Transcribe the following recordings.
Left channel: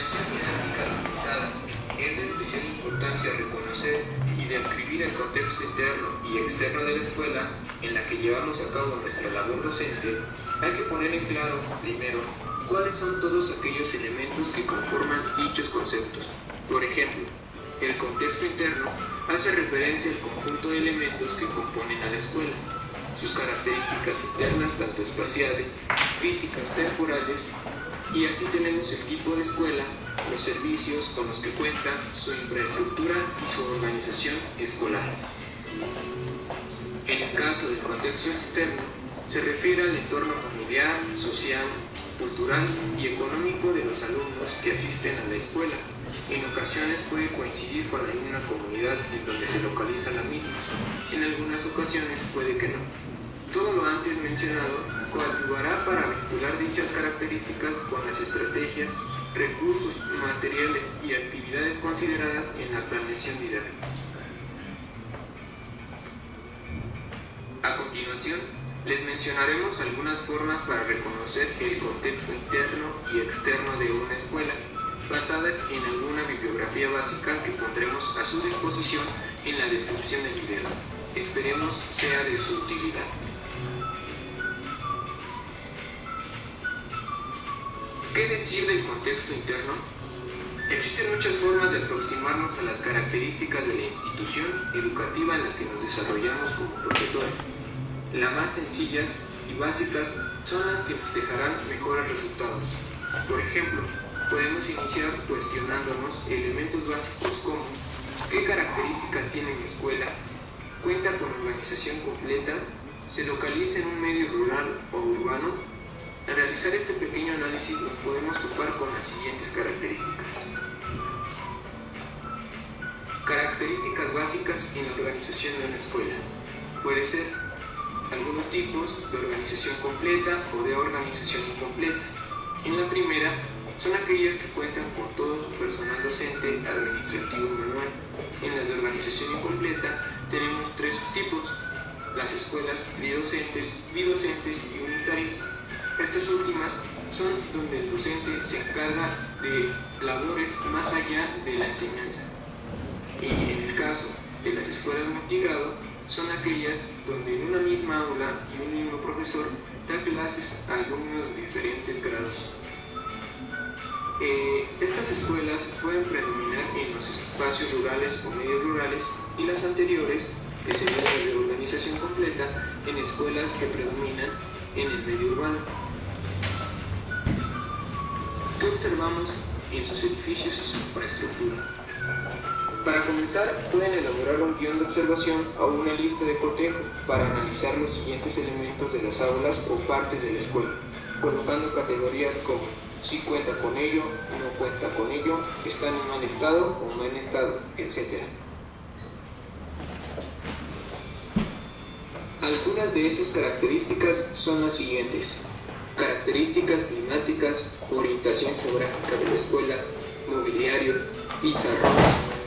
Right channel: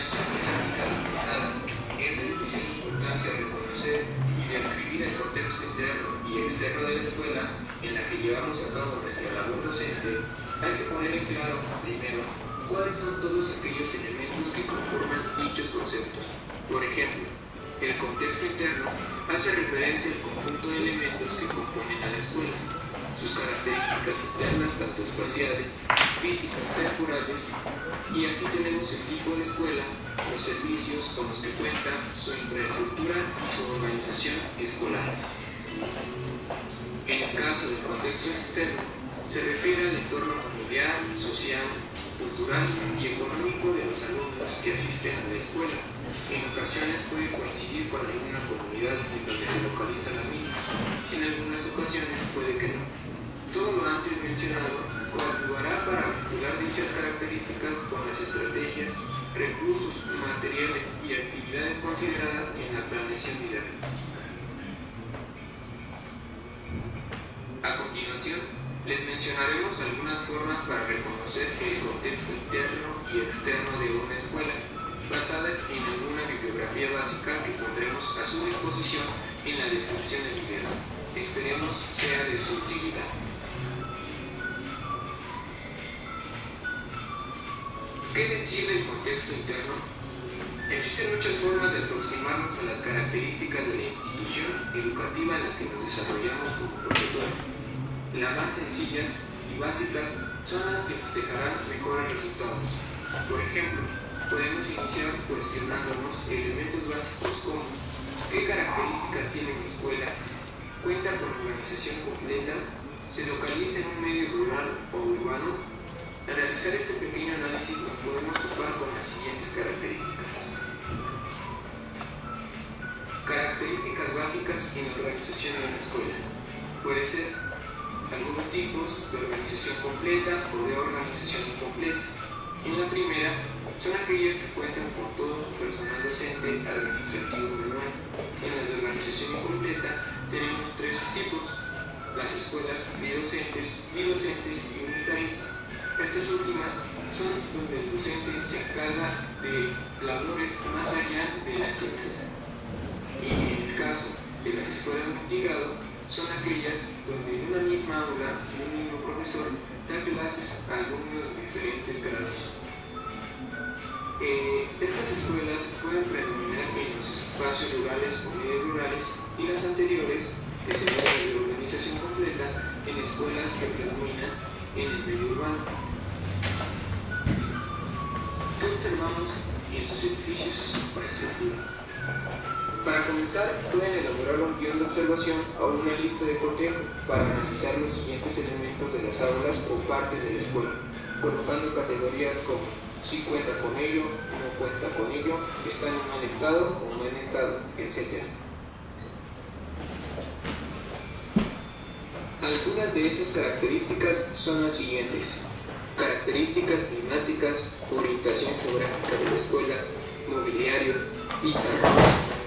enseñanza didáctica limitada. Es de especial importancia reconocer y describir el contexto interno y externo de la escuela en la que llevamos a cabo nuestra labor docente. Hay que poner en claro, primero, cuáles son todos aquellos elementos que conforman dichos conceptos. Por ejemplo, el contexto interno hace referencia al conjunto de elementos que componen a la escuela, sus características internas tanto espaciales, físicas, temporales, y así tenemos el tipo de escuela, los servicios con los que cuenta, su infraestructura y su organización escolar. En el caso del contexto externo, se refiere al entorno familiar, social, cultural y económico de los alumnos que asisten a la escuela. En ocasiones puede coincidir con alguna comunidad en donde se localiza la misma, en algunas ocasiones puede que no. Todo lo antes mencionado coadyuvará para vincular dichas características con las estrategias, recursos, materiales y actividades consideradas en la planeación didáctica. A continuación, les mencionaremos algunas formas para reconocer el contexto interno y externo de una escuela, basadas en alguna bibliografía básica que pondremos a su disposición en la descripción del video. Esperemos sea de su utilidad. ¿Qué decir del contexto interno? Existen muchas formas de aproximarnos a las características de la institución educativa en la que nos desarrollamos como profesores. Las más sencillas y básicas son las que nos dejarán mejores resultados. Por ejemplo, podemos iniciar cuestionándonos elementos básicos como ¿qué características tiene mi escuela? ¿Cuenta con organización completa? ¿Se localiza en un medio rural o urbano? Al realizar este pequeño análisis nos podemos topar con las siguientes características. Características básicas en la organización de una escuela. Puede ser algunos tipos de organización completa o de organización incompleta. En la primera, son aquellas que cuentan con todo su personal docente, administrativo y manual. En las de organización incompleta tenemos tres tipos: las escuelas bidocentes y unitarias. Estas últimas son donde el docente se encarga de labores más allá de la enseñanza. Y en el caso de las escuelas multigrado, son aquellas donde en una misma aula y un mismo profesor da clases a alumnos de diferentes grados. Estas escuelas pueden predominar en los espacios rurales o medios rurales, y las anteriores, que serían las de organización completa, en escuelas que predominan en el medio urbano. ¿Qué observamos en sus edificios y su infraestructura? Para comenzar, pueden elaborar un guión de observación o una lista de cotejo para analizar los siguientes elementos de las aulas o partes de la escuela, colocando categorías como si cuenta con ello, no cuenta con ello, está en mal estado o no en estado, etc. Algunas de esas características son las siguientes: características climáticas, orientación geográfica de la escuela, mobiliario, pizarrones,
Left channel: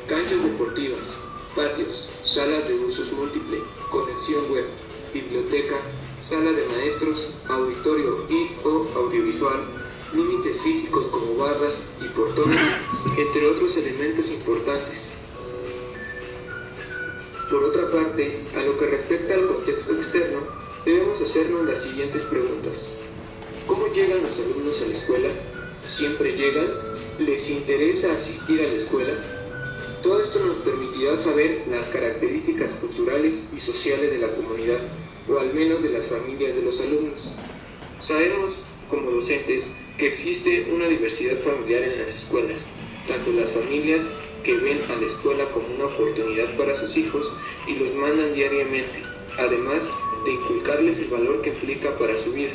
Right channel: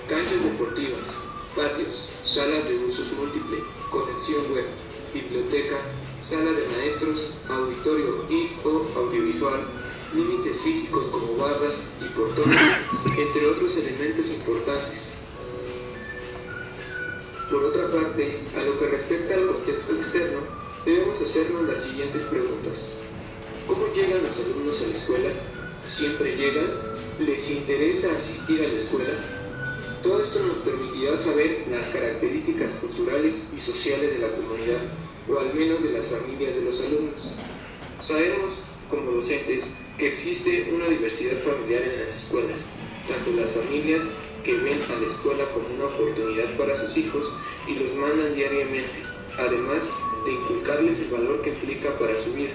canchas deportivas, patios, salas de usos múltiple, conexión web, biblioteca, sala de maestros, auditorio y/o audiovisual, límites físicos como bardas y portones, entre otros elementos importantes. Por otra parte, a lo que respecta al contexto externo, debemos hacernos las siguientes preguntas. ¿Cómo llegan los alumnos a la escuela? ¿Siempre llegan? ¿Les interesa asistir a la escuela? Todo esto nos permitirá saber las características culturales y sociales de la comunidad, o al menos de las familias de los alumnos. Sabemos, como docentes, que existe una diversidad familiar en las escuelas, tanto las familias que ven a la escuela como una oportunidad para sus hijos y los mandan diariamente, además de inculcarles el valor que implica para su vida,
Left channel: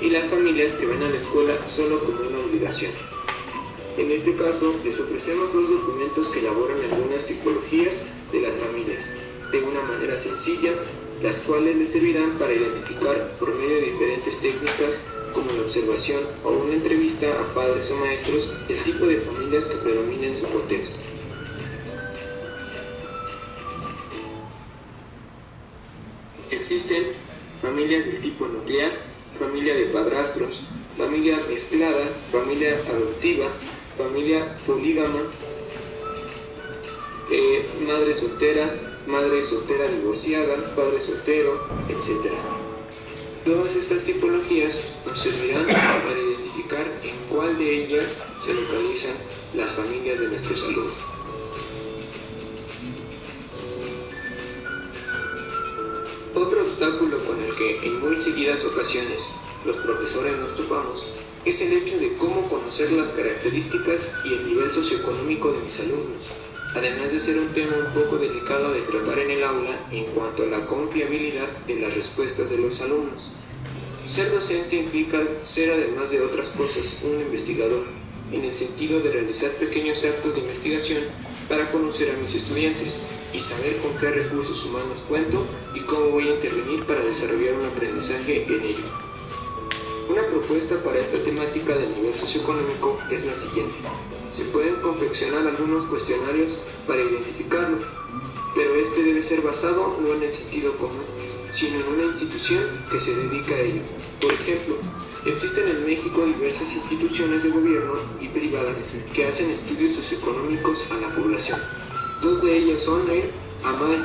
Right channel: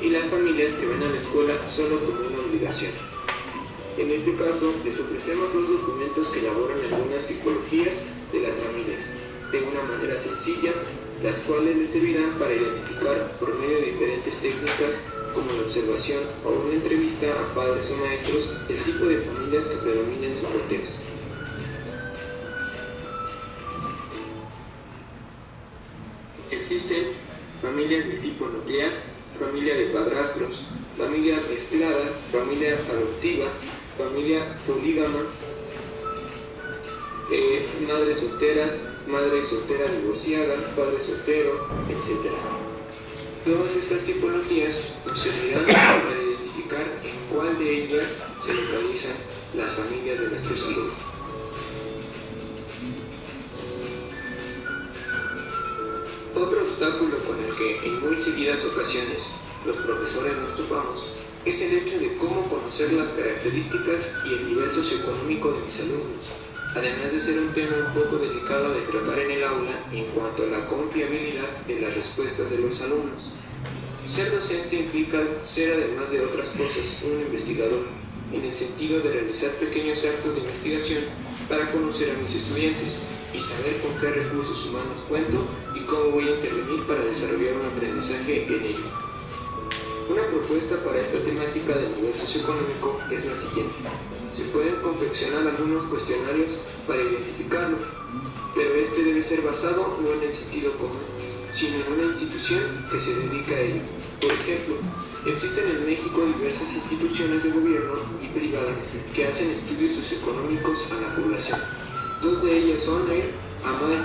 y las familias que ven a la escuela solo como una obligación. En este caso, les ofrecemos dos documentos que elaboran algunas tipologías de las familias, de una manera sencilla, las cuales les servirán para identificar por medio de diferentes técnicas como la observación o una entrevista a padres o maestros el tipo de familias que predominan en su contexto. Existen familias del tipo nuclear, familia de padrastros, familia mezclada, familia adoptiva, familia polígama, madre soltera divorciada, padre soltero, etc. Todas estas tipologías nos servirán para identificar en cuál de ellas se localizan las familias de nuestros alumnos. Otro obstáculo con el que en muy seguidas ocasiones los profesores nos topamos es el hecho de cómo conocer las características y el nivel socioeconómico de mis alumnos, además de ser un tema un poco delicado de tratar en el aula en cuanto a la confiabilidad de las respuestas de los alumnos. Ser docente implica ser, además de otras cosas, un investigador, en el sentido de realizar pequeños actos de investigación para conocer a mis estudiantes y saber con qué recursos humanos cuento y cómo voy a intervenir para desarrollar un aprendizaje en ellos. Una propuesta para esta temática del nivel socioeconómico es la siguiente. Se pueden confeccionar algunos cuestionarios para identificarlo, pero este debe ser basado no en el sentido común, sino en una institución que se dedica a ello. Por ejemplo, existen en México diversas instituciones de gobierno y privadas que hacen estudios socioeconómicos a la población. Dos de ellas son el AMAE,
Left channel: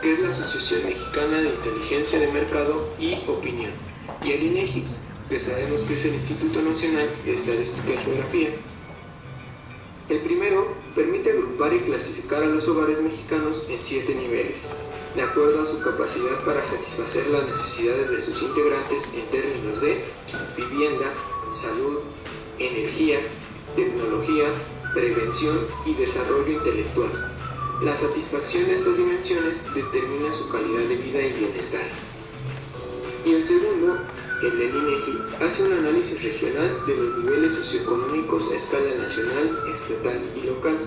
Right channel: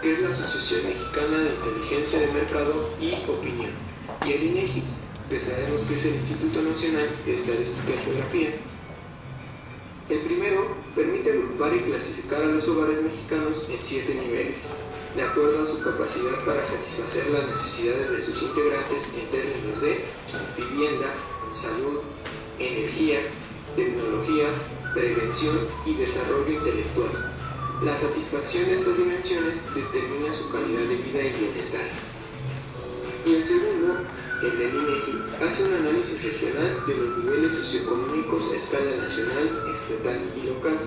que es la Asociación Mexicana de Inteligencia de Mercado y Opinión, y el INEGI, que sabemos que es el Instituto Nacional de Estadística y Geografía. El primero permite agrupar y clasificar a los hogares mexicanos en 7 niveles, de acuerdo a su capacidad para satisfacer las necesidades de sus integrantes en términos de vivienda, salud, energía, tecnología, prevención y desarrollo intelectual. La satisfacción de estas dimensiones determina su calidad de vida y bienestar. Y el segundo, el del INEGI, hace un análisis regional de los niveles socioeconómicos a escala nacional, estatal y local.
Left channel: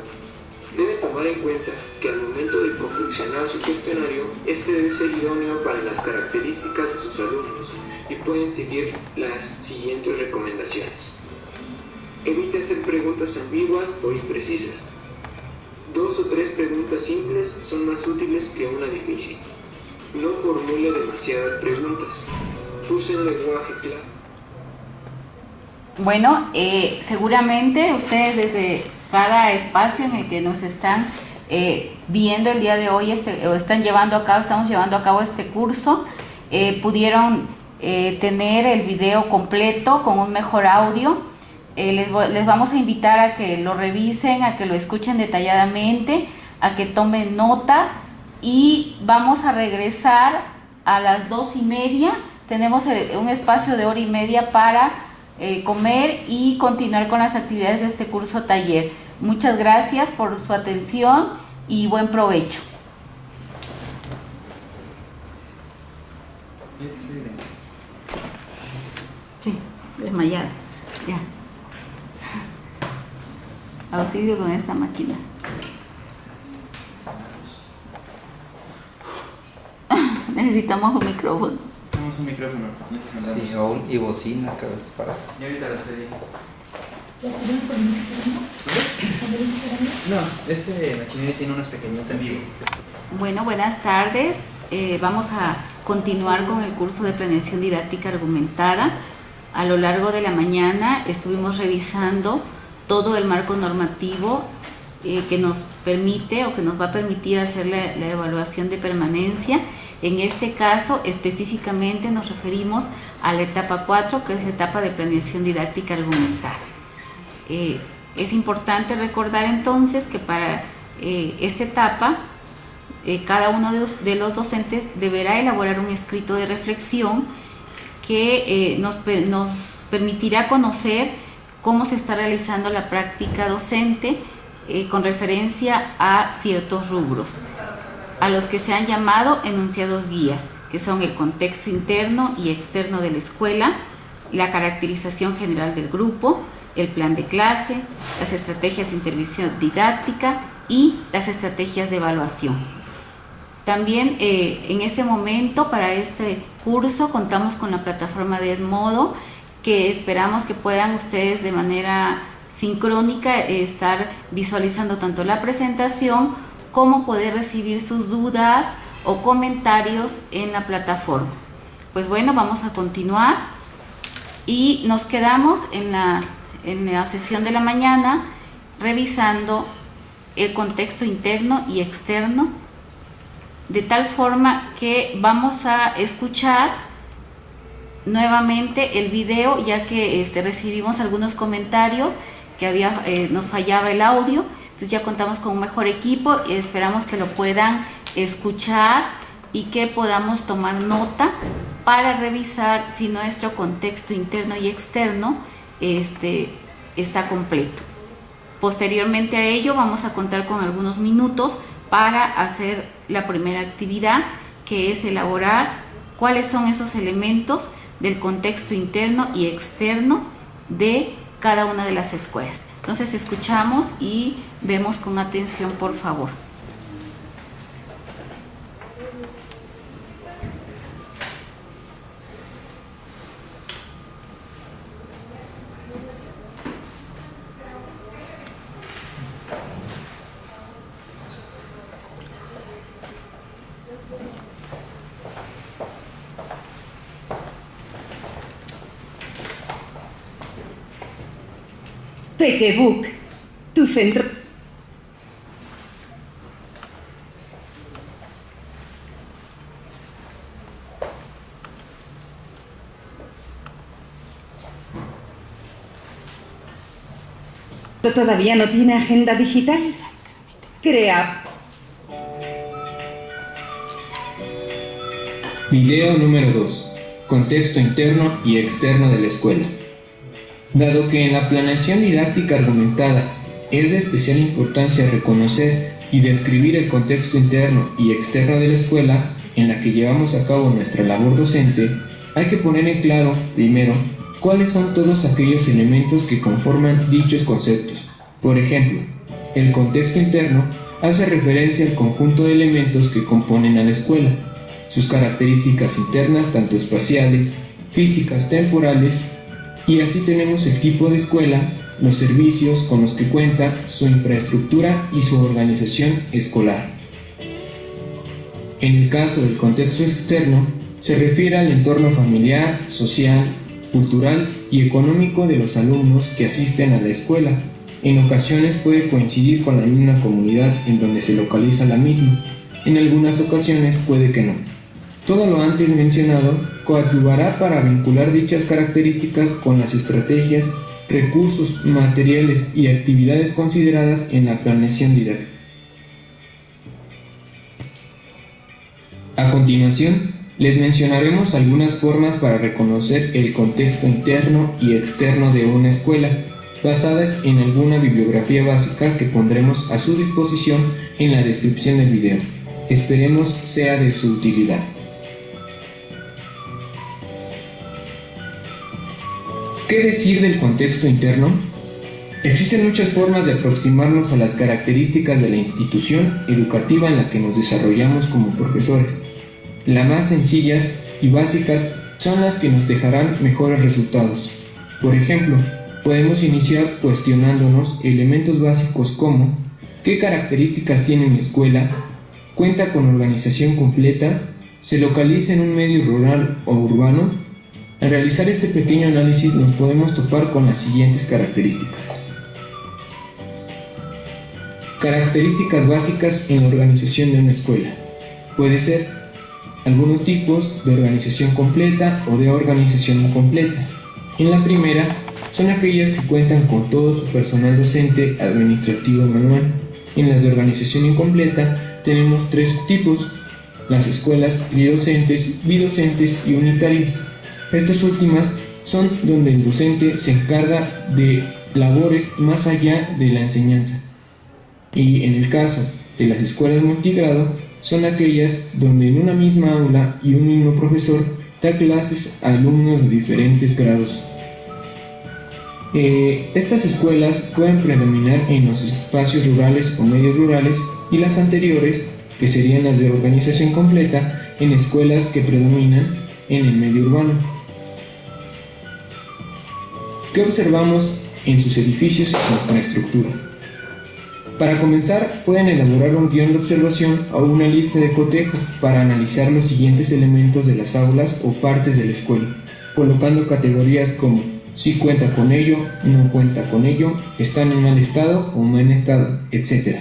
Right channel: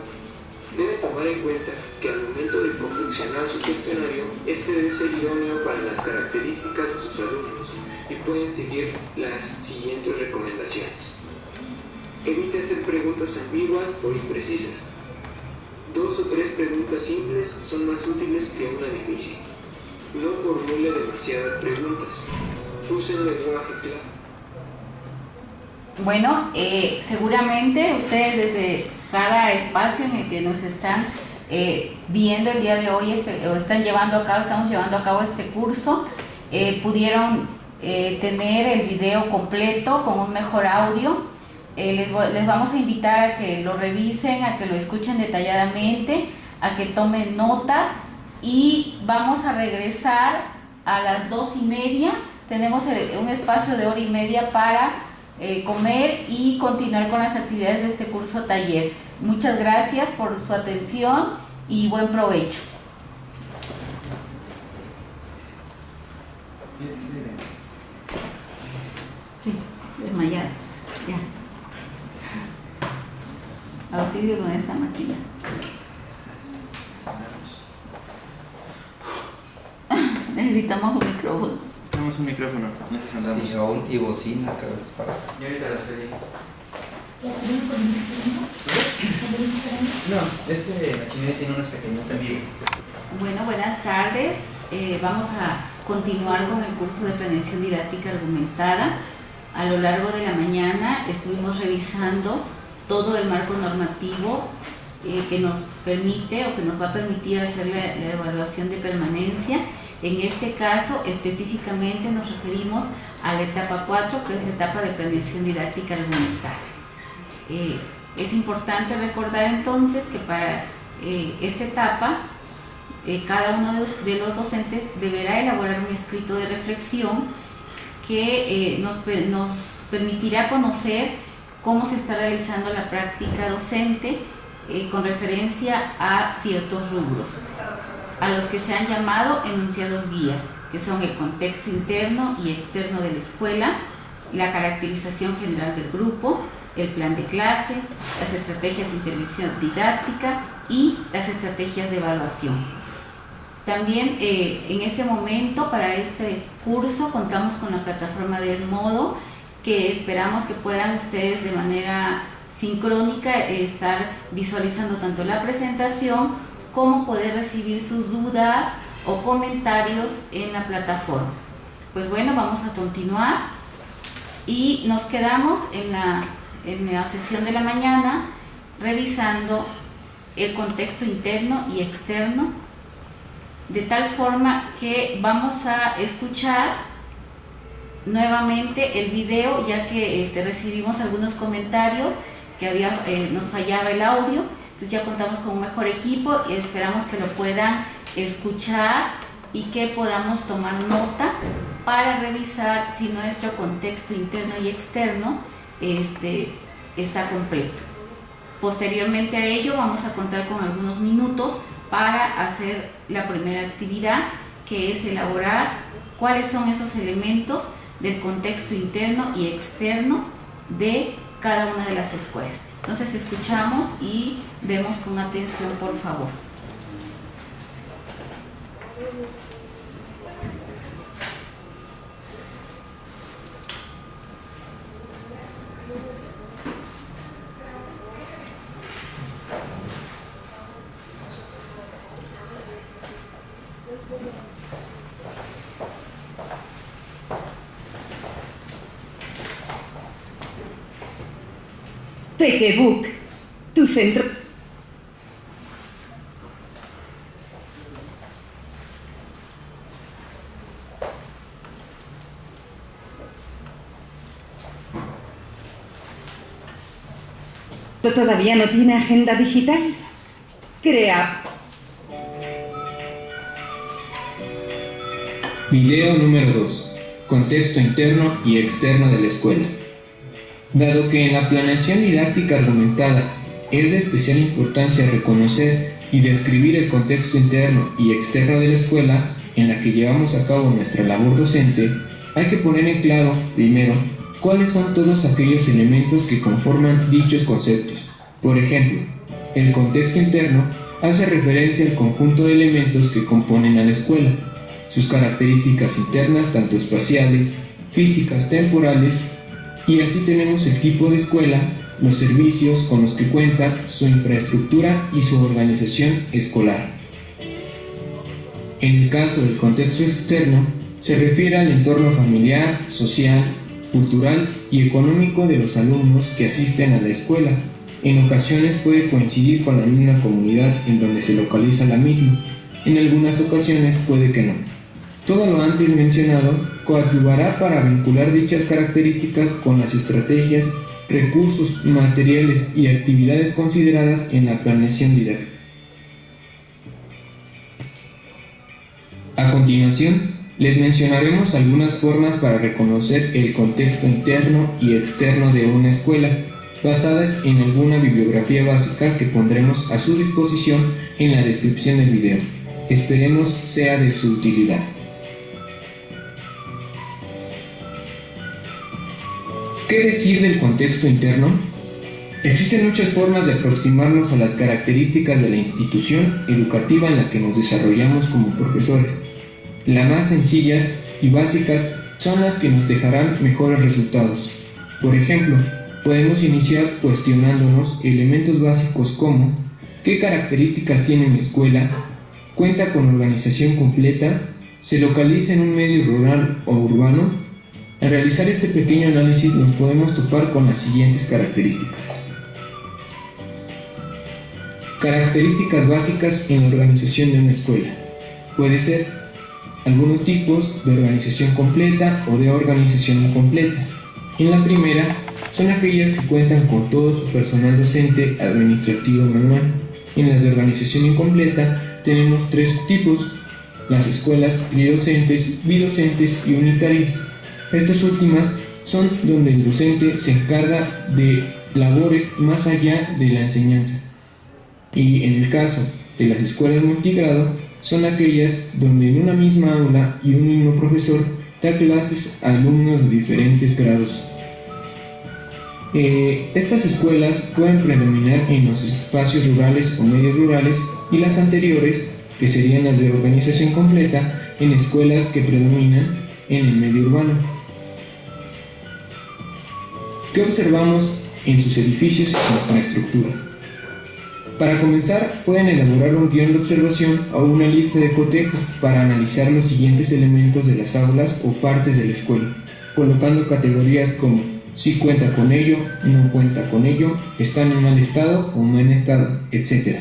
Debe tomar en cuenta que al momento de confeccionar su cuestionario, este debe ser idóneo para las características de sus alumnos y pueden seguir las siguientes recomendaciones. Evite hacer preguntas ambiguas o imprecisas. 2 o 3 preguntas simples son más útiles que una difícil. No formule demasiadas preguntas. Use un lenguaje claro. Bueno, seguramente ustedes desde cada espacio en el que nos están viendo el día de hoy estamos llevando a cabo este curso, pudieron tener el video completo con un mejor audio. Les vamos a invitar a que lo revisen, a que lo escuchen detalladamente, a que tomen nota y vamos a regresar a las 2:30. Tenemos un espacio de 1:30 para comer y continuar con las actividades de este curso taller. Muchas gracias por su atención y buen provecho. Sí, desmayada. Ya. Auxilio con esta máquina. Necesitamos un micrófono. Tenemos un micrófono. Sí, y bocina cada vez para. Y ahorita la serie. No, machinería tiene unos pequeños en vivo. Bueno, buenas tardes. Vamos a continuar con el curso de planeación didáctica argumentada. A lo largo de la mañana estuvimos revisando todo el marco normativo que nos permite o que nos va a permitir hacer la evaluación de permanencia. En este caso, específicamente nos referimos a la etapa 4, que es la etapa de planeación didáctica argumentada. Es importante recordar entonces que para esta etapa, cada uno de los docentes deberá elaborar un escrito de reflexión que nos permitirá conocer cómo se está realizando la práctica docente con referencia a ciertos rubros, a los que se han llamado enunciados guías, que son el contexto interno y externo de la escuela, la caracterización general del grupo, el plan de clase, las estrategias de intervención didáctica y las estrategias de evaluación. También en este momento, para este curso, contamos con la plataforma de Edmodo, que esperamos que puedan ustedes de manera sincrónica estar visualizando tanto la presentación como poder recibir sus dudas o comentarios en la plataforma. Pues bueno, vamos a continuar y nos quedamos en en la sesión de la mañana revisando el contexto interno y externo, de tal forma que vamos a escuchar nuevamente el video, ya que recibimos algunos comentarios que nos fallaba el audio. Entonces ya contamos con un mejor equipo y esperamos que lo puedan escuchar y que podamos tomar nota para revisar si nuestro contexto interno y externo está completo. Posteriormente a ello vamos a contar con algunos minutos para hacer la primera actividad, que es elaborar cuáles son esos elementos del contexto interno y externo de cada una de las escuelas. Entonces escuchamos y vemos con atención, por favor. Pequebook, tu centro. ¿Todavía no tiene agenda digital? Crea. Video número 2. Contexto interno y externo de la escuela. Dado que en la planeación didáctica argumentada es de especial importancia reconocer y describir el contexto interno y externo de la escuela en la que llevamos a cabo nuestra labor docente, hay que poner en claro, primero, cuáles son todos aquellos elementos que conforman dichos conceptos. Por ejemplo, el contexto interno hace referencia al conjunto de elementos que componen a la escuela, sus características internas tanto espaciales, físicas, temporales, y así tenemos el tipo de escuela, los servicios con los que cuenta, su infraestructura y su organización escolar. En el caso del contexto externo, se refiere al entorno familiar, social, cultural y económico de los alumnos que asisten a la escuela. En ocasiones puede coincidir con la misma comunidad en donde se localiza la misma, en algunas ocasiones puede que no. Todo lo antes mencionado coadyuvará para vincular dichas características con las estrategias, recursos, materiales y actividades consideradas en la planeación didáctica. A continuación, les mencionaremos algunas formas para reconocer el contexto interno y externo de una escuela, basadas en alguna bibliografía básica que pondremos a su disposición en la descripción del video. Esperemos sea de su utilidad. ¿Qué decir del contexto interno? Existen muchas formas de aproximarnos a las características de la institución educativa en la que nos desarrollamos como profesores. Las más sencillas y básicas son las que nos dejarán mejores resultados. Por ejemplo, podemos iniciar cuestionándonos elementos básicos como ¿qué características tiene mi escuela? ¿Cuenta con organización completa? ¿Se localiza en un medio rural o urbano? Al realizar este pequeño análisis nos podemos topar con las siguientes características. Características básicas en la organización de una escuela. Puede ser algunos tipos de organización completa o de organización incompleta. En la primera, son aquellas que cuentan con todo su personal docente, administrativo y manual. En las de organización incompleta tenemos tres tipos: las escuelas tridocentes, bidocentes y unitarias. Estas últimas son donde el docente se encarga de labores más allá de la enseñanza. Y en el caso de las escuelas multigrado, son aquellas donde en una misma aula y un mismo profesor da clases a alumnos de diferentes grados. Estas escuelas pueden predominar en los espacios rurales o medios rurales, y las anteriores, que serían las de organización completa, en escuelas que predominan en el medio urbano. ¿Qué observamos en sus edificios y su infraestructura? Para comenzar, pueden elaborar un guión de observación o una lista de cotejo para analizar los siguientes elementos de las aulas o partes de la escuela, colocando categorías como si cuenta con ello, no cuenta con ello, están en mal estado o buen estado, etc.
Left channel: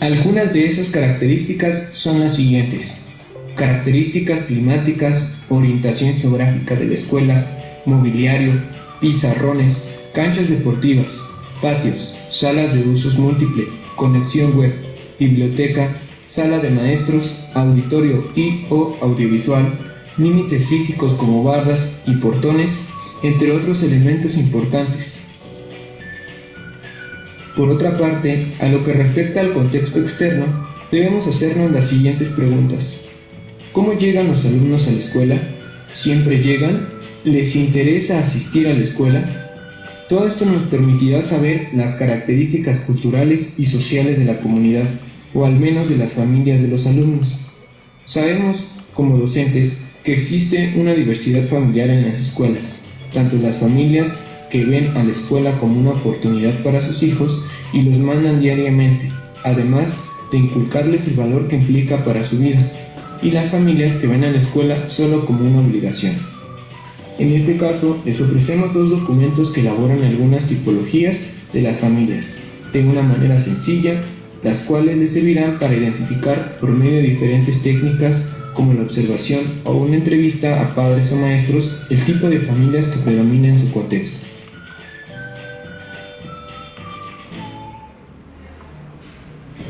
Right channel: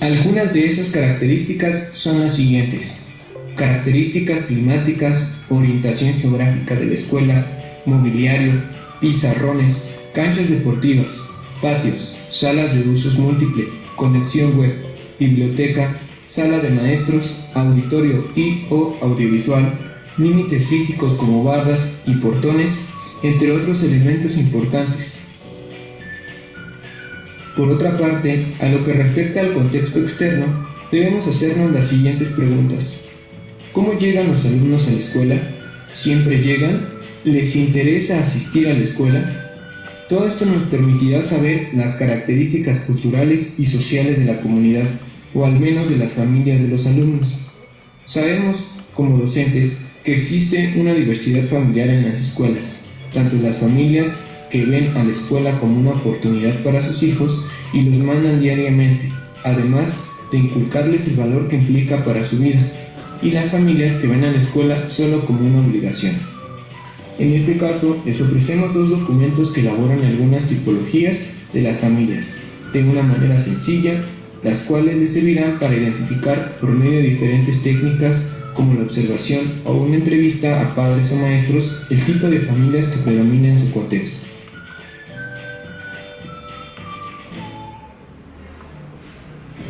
Algunas de esas características son las siguientes: características climáticas, orientación geográfica de la escuela, mobiliario, pizarrones, canchas deportivas, patios, salas de usos múltiples, conexión web, biblioteca, sala de maestros, auditorio y/o audiovisual, límites físicos como bardas y portones, entre otros elementos importantes. Por otra parte, a lo que respecta al contexto externo, debemos hacernos las siguientes preguntas. ¿Cómo llegan los alumnos a la escuela? ¿Siempre llegan? ¿Les interesa asistir a la escuela? Todo esto nos permitirá saber las características culturales y sociales de la comunidad, o al menos de las familias de los alumnos. Sabemos, como docentes, que existe una diversidad familiar en las escuelas, tanto las familias que ven a la escuela como una oportunidad para sus hijos y los mandan diariamente, además de inculcarles el valor que implica para su vida, y las familias que ven a la escuela solo como una obligación. En este caso, les ofrecemos dos documentos que elaboran algunas tipologías de las familias, de una manera sencilla, las cuales les servirán para identificar por medio de diferentes técnicas como la observación o una entrevista a padres o maestros el tipo de familias que predomina en su contexto.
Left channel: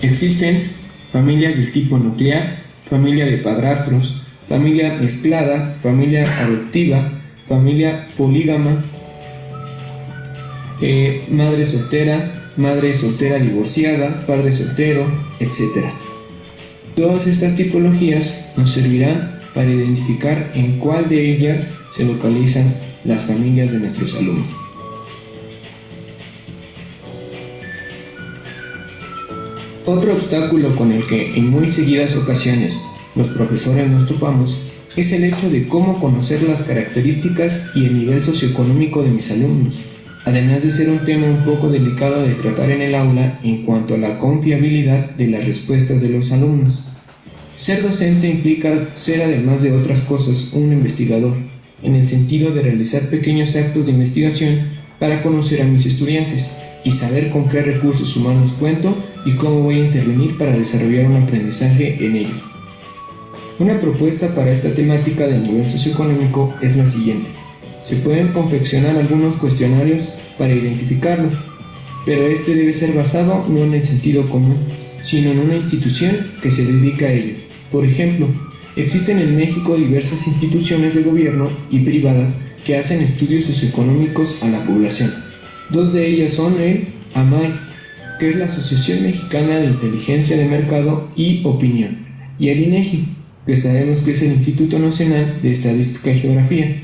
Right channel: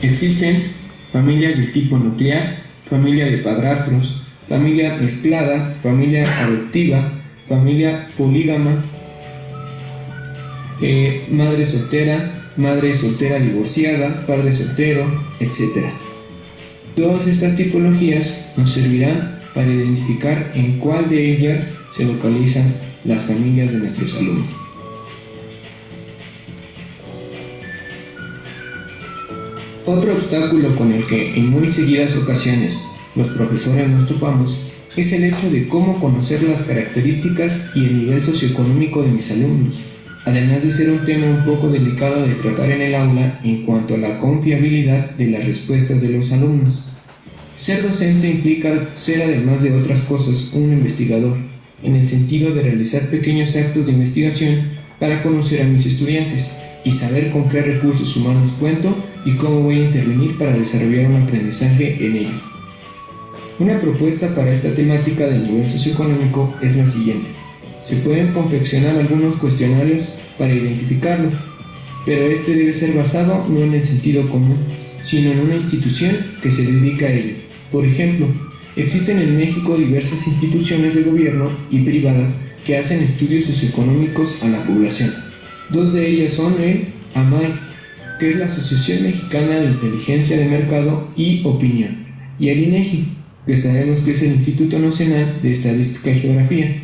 Existen familias del tipo nuclear, familia de padrastros, familia mezclada, familia adoptiva, familia polígama, madre soltera divorciada, padre soltero, etc. Todas estas tipologías nos servirán para identificar en cuál de ellas se localizan las familias de nuestros alumnos. Otro obstáculo con el que en muy seguidas ocasiones los profesores nos topamos es el hecho de cómo conocer las características y el nivel socioeconómico de mis alumnos, además de ser un tema un poco delicado de tratar en el aula en cuanto a la confiabilidad de las respuestas de los alumnos. Ser docente implica ser, además de otras cosas, un investigador, en el sentido de realizar pequeños actos de investigación para conocer a mis estudiantes y saber con qué recursos humanos cuento y cómo voy a intervenir para desarrollar un aprendizaje en ellos. Una propuesta para esta temática del nivel socioeconómico es la siguiente. Se pueden confeccionar algunos cuestionarios para identificarlo, pero este debe ser basado no en el sentido común, sino en una institución que se dedica a ello. Por ejemplo, existen en México diversas instituciones de gobierno y privadas que hacen estudios socioeconómicos a la población. Dos de ellas son el AMAI, que es la Asociación Mexicana de Inteligencia de Mercado y Opinión, y el INEGI, que sabemos que es el Instituto Nacional de Estadística y Geografía.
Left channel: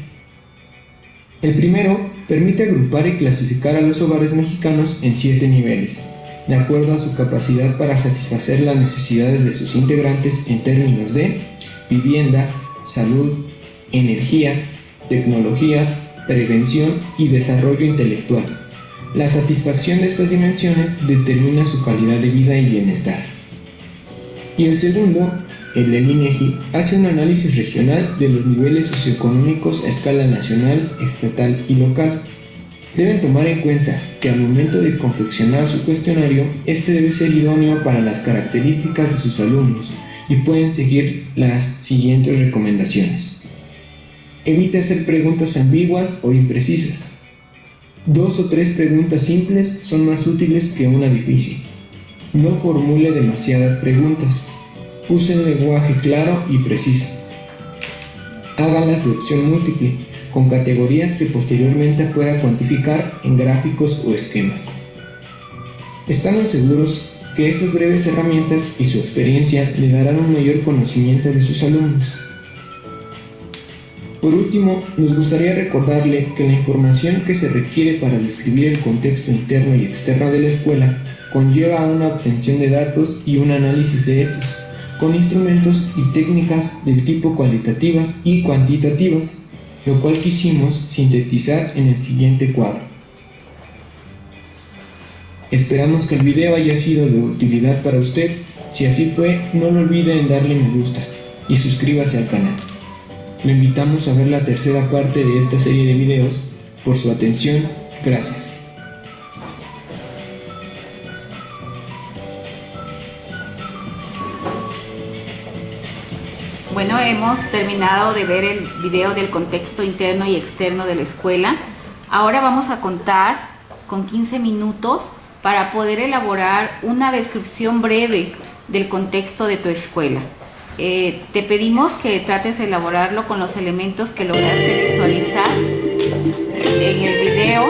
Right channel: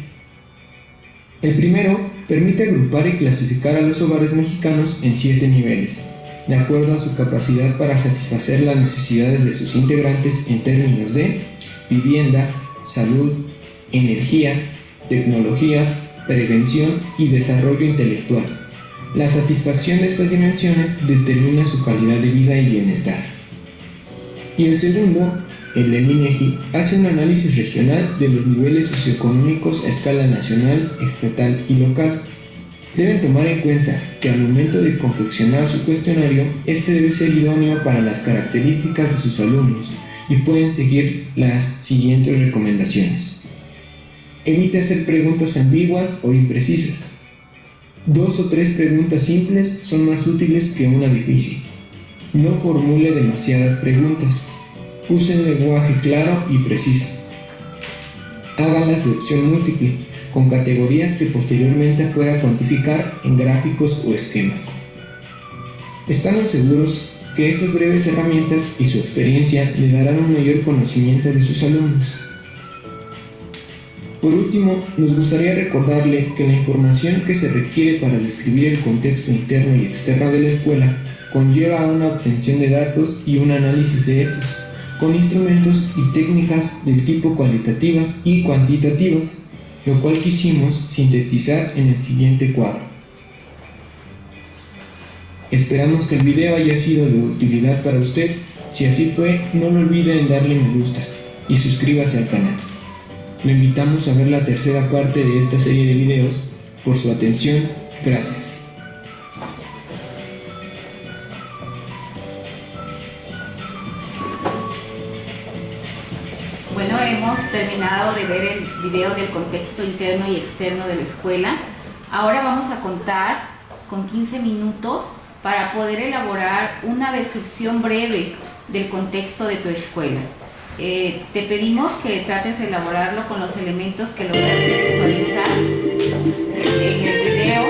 El primero permite agrupar y clasificar a los hogares mexicanos en 7 niveles, de acuerdo a su capacidad para satisfacer las necesidades de sus integrantes en términos de vivienda, salud, energía, tecnología, prevención y desarrollo intelectual. La satisfacción de estas dimensiones determina su calidad de vida y bienestar. Y el segundo, el del INEGI, hace un análisis regional de los niveles socioeconómicos a escala nacional, estatal y local. Deben tomar en cuenta que al momento de confeccionar su cuestionario, este debe ser idóneo para las características de sus alumnos y pueden seguir las siguientes recomendaciones. Evite hacer preguntas ambiguas o imprecisas. 2 o 3 preguntas simples son más útiles que una difícil. No formule demasiadas preguntas. Use un lenguaje claro y preciso. Hágalas de opción múltiple, con categorías que posteriormente pueda cuantificar en gráficos o esquemas. Estamos seguros que estas breves herramientas y su experiencia le darán un mayor conocimiento de sus alumnos. Por último, nos gustaría recordarle que la información que se requiere para describir el contexto interno y externo de la escuela conlleva una obtención de datos y un análisis de estos, con instrumentos y técnicas del tipo cualitativas y cuantitativas, lo cual quisimos sintetizar en el siguiente cuadro. Esperamos que el video haya sido de utilidad para usted. Si así fue, no lo olvide en darle me gusta y suscríbase al canal. Lo invitamos a ver la tercera parte de esta serie de videos. Por su atención, gracias. Bueno, hemos terminado de ver el video del contexto interno y externo de la escuela. Ahora vamos a contar con 15 minutos para poder elaborar una descripción breve del contexto de tu escuela. Te pedimos que trates de elaborarlo con los elementos que lograste visualizar en el video.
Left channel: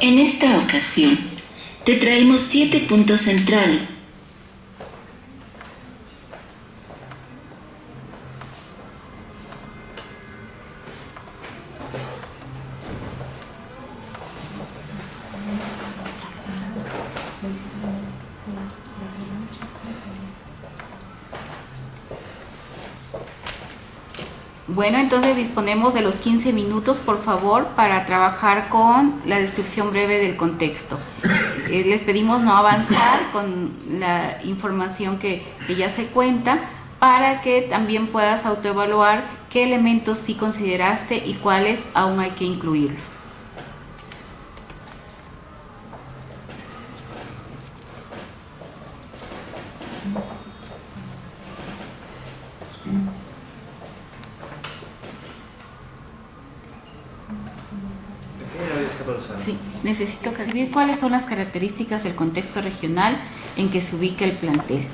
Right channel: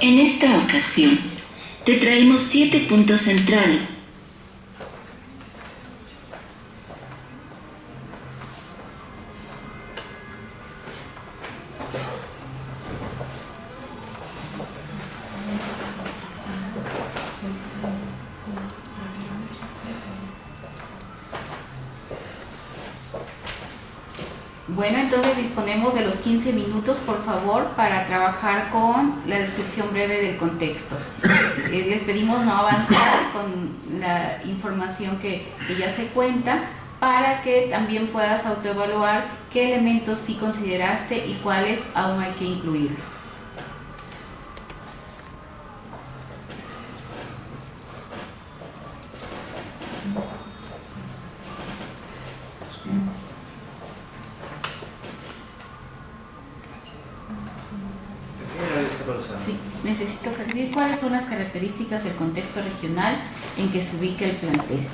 En esta ocasión, te traemos 7 puntos centrales. Bueno, entonces disponemos de los 15 minutos, por favor, para trabajar con la descripción breve del contexto. Les pedimos no avanzar con la información que ya se cuenta, para que también puedas autoevaluar qué elementos sí consideraste y cuáles aún hay que incluirlos. Sí, necesito escribir cuáles son las características del contexto regional en que se ubica el plantel.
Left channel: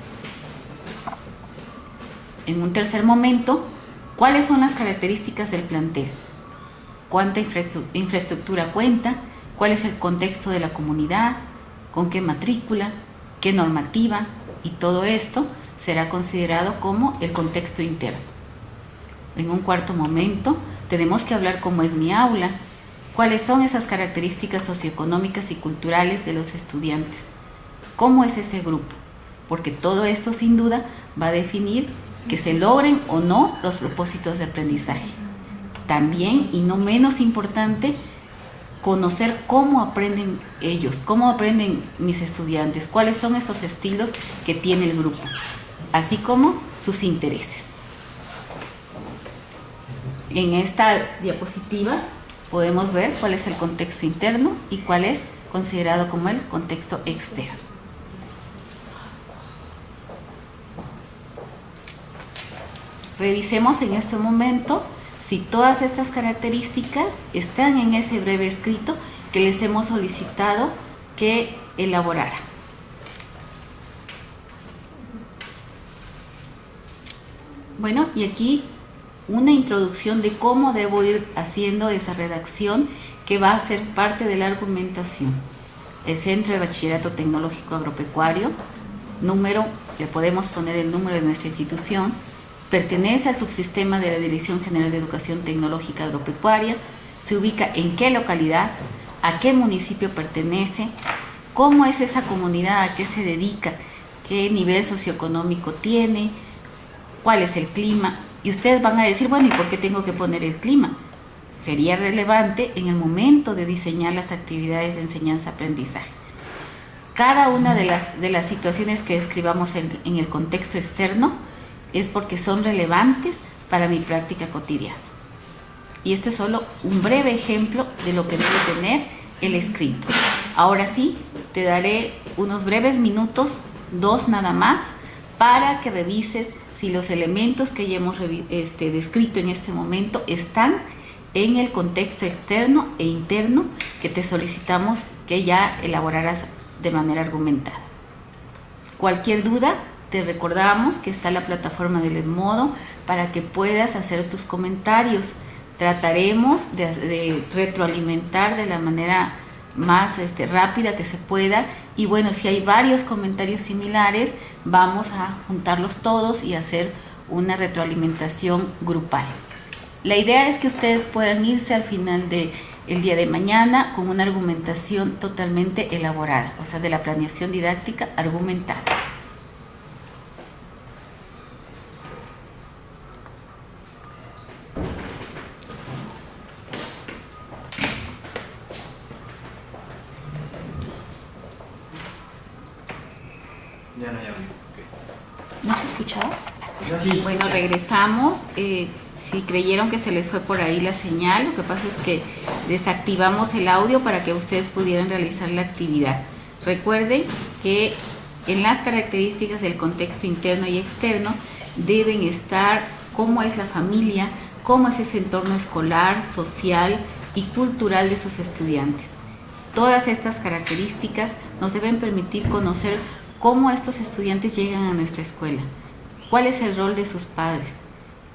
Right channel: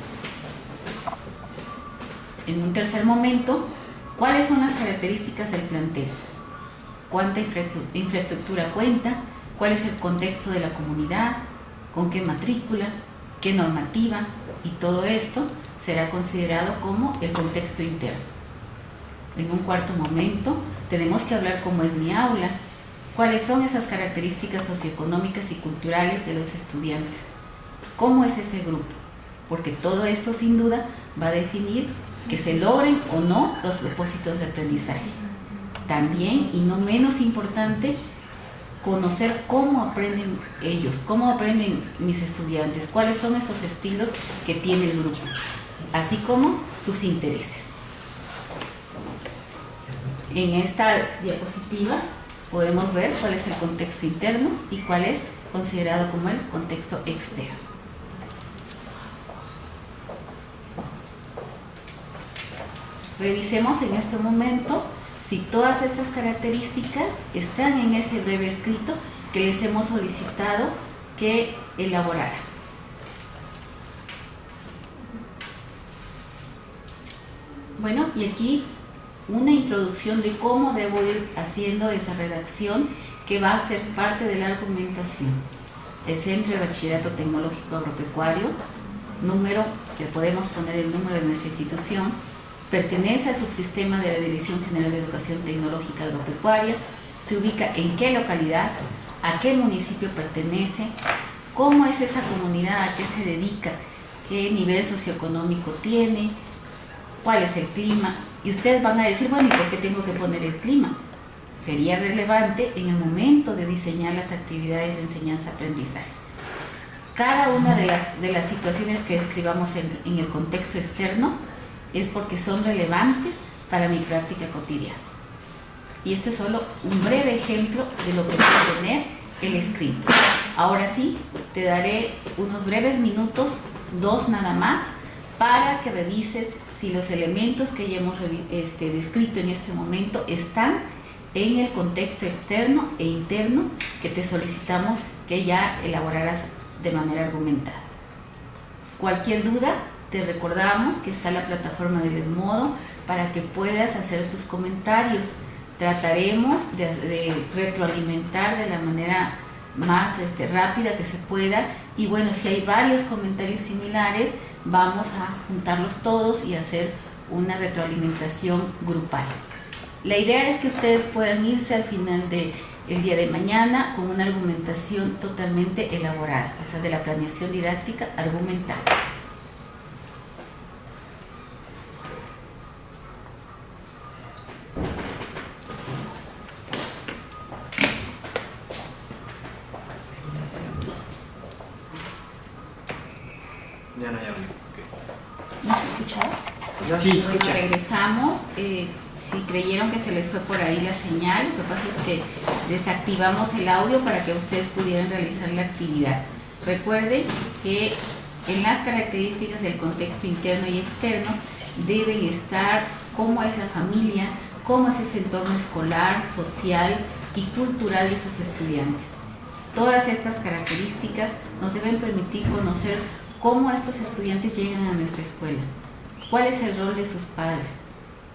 En un tercer momento, ¿cuáles son las características del plantel? ¿Cuánta infraestructura cuenta? ¿Cuál es el contexto de la comunidad? ¿Con qué matrícula? ¿Qué normativa? Y todo esto será considerado como el contexto interno. En un cuarto momento, tenemos que hablar cómo es mi aula. ¿Cuáles son esas características socioeconómicas y culturales de los estudiantes? ¿Cómo es ese grupo? Porque todo esto sin duda va a definir que se logren o no los propósitos de aprendizaje. También, y no menos importante, conocer cómo aprenden ellos, cómo aprenden mis estudiantes, cuáles son esos estilos que tiene el grupo, así como sus intereses. En esta diapositiva podemos ver cuál es el contexto interno y cuál es considerado como el contexto externo. Revisemos en este momento si todas estas características están en ese breve escrito que les hemos solicitado que elaborara. Bueno, y aquí una introducción de cómo debo ir haciendo esa redacción que va a ser parte de la argumentación. El Centro de Bachillerato Tecnológico Agropecuario, número, le podemos poner el número de nuestra institución, pertenece al subsistema de la Dirección General de Educación Tecnológica Agropecuaria, se ubica en qué localidad, a qué municipio pertenece, cómo es esa comunidad, a qué se dedica, qué nivel socioeconómico tiene, cuál es el clima. Y ustedes van a decir, bueno, ¿y por qué tengo que poner el clima? Sería relevante en el momento de diseñar las actividades de enseñanza-aprendizaje. Cada una de las situaciones que describamos en el contexto externo es porque son relevantes para mi práctica cotidiana. Y esto es solo un breve ejemplo de lo que debe tener el escrito. Ahora sí, te daré unos breves minutos, 2 nada más, para que revises si los elementos que ya hemos descrito en este momento están en el contexto externo e interno que te solicitamos que ya elaboraras de manera argumentada. Cualquier duda, te recordamos que está la plataforma del Edmodo para que puedas hacer tus comentarios. Trataremos de retroalimentar de la manera más rápida que se pueda, y bueno, si hay varios comentarios similares, vamos a juntarlos todos y hacer una retroalimentación grupal. La idea es que ustedes puedan irse al final del día de mañana con una argumentación totalmente elaborada, o sea, de la planeación didáctica argumentada. Ya no, ya veo. ¿No se escuchaba? Sí, Bueno, escucha. regresamos. Si creyeron que se les fue por ahí la señal, lo que pasa es que desactivamos el audio para que ustedes pudieran realizar la actividad. Recuerden que en las características del contexto interno y externo deben estar cómo es la familia, cómo es ese entorno escolar, social y cultural de sus estudiantes. Todas estas características nos deben permitir conocer cómo estos estudiantes llegan a nuestra escuela, cuál es el rol de sus padres,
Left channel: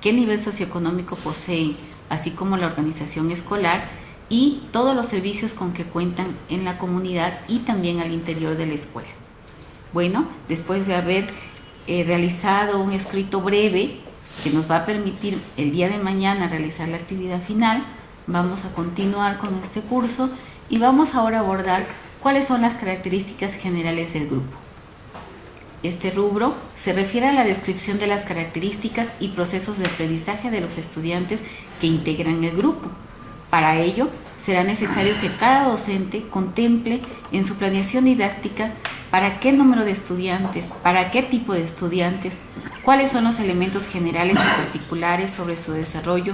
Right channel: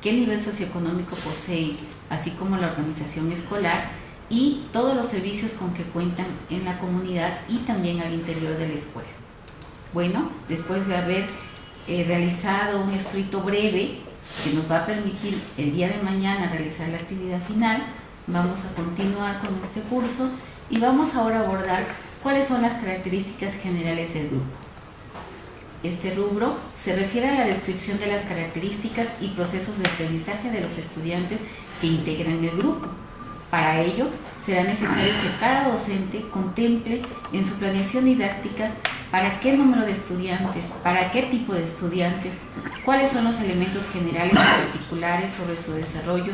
qué nivel socioeconómico poseen, así como la organización escolar y todos los servicios con que cuentan en la comunidad y también al interior de la escuela. Bueno, después de haber realizado un escrito breve que nos va a permitir el día de mañana realizar la actividad final, vamos a continuar con este curso y vamos ahora a abordar cuáles son las características generales del grupo. Este rubro se refiere a la descripción de las características y procesos de aprendizaje de los estudiantes que integran el grupo. Para ello, será necesario que cada docente contemple en su planeación didáctica para qué número de estudiantes, para qué tipo de estudiantes, cuáles son los elementos generales y particulares sobre su desarrollo,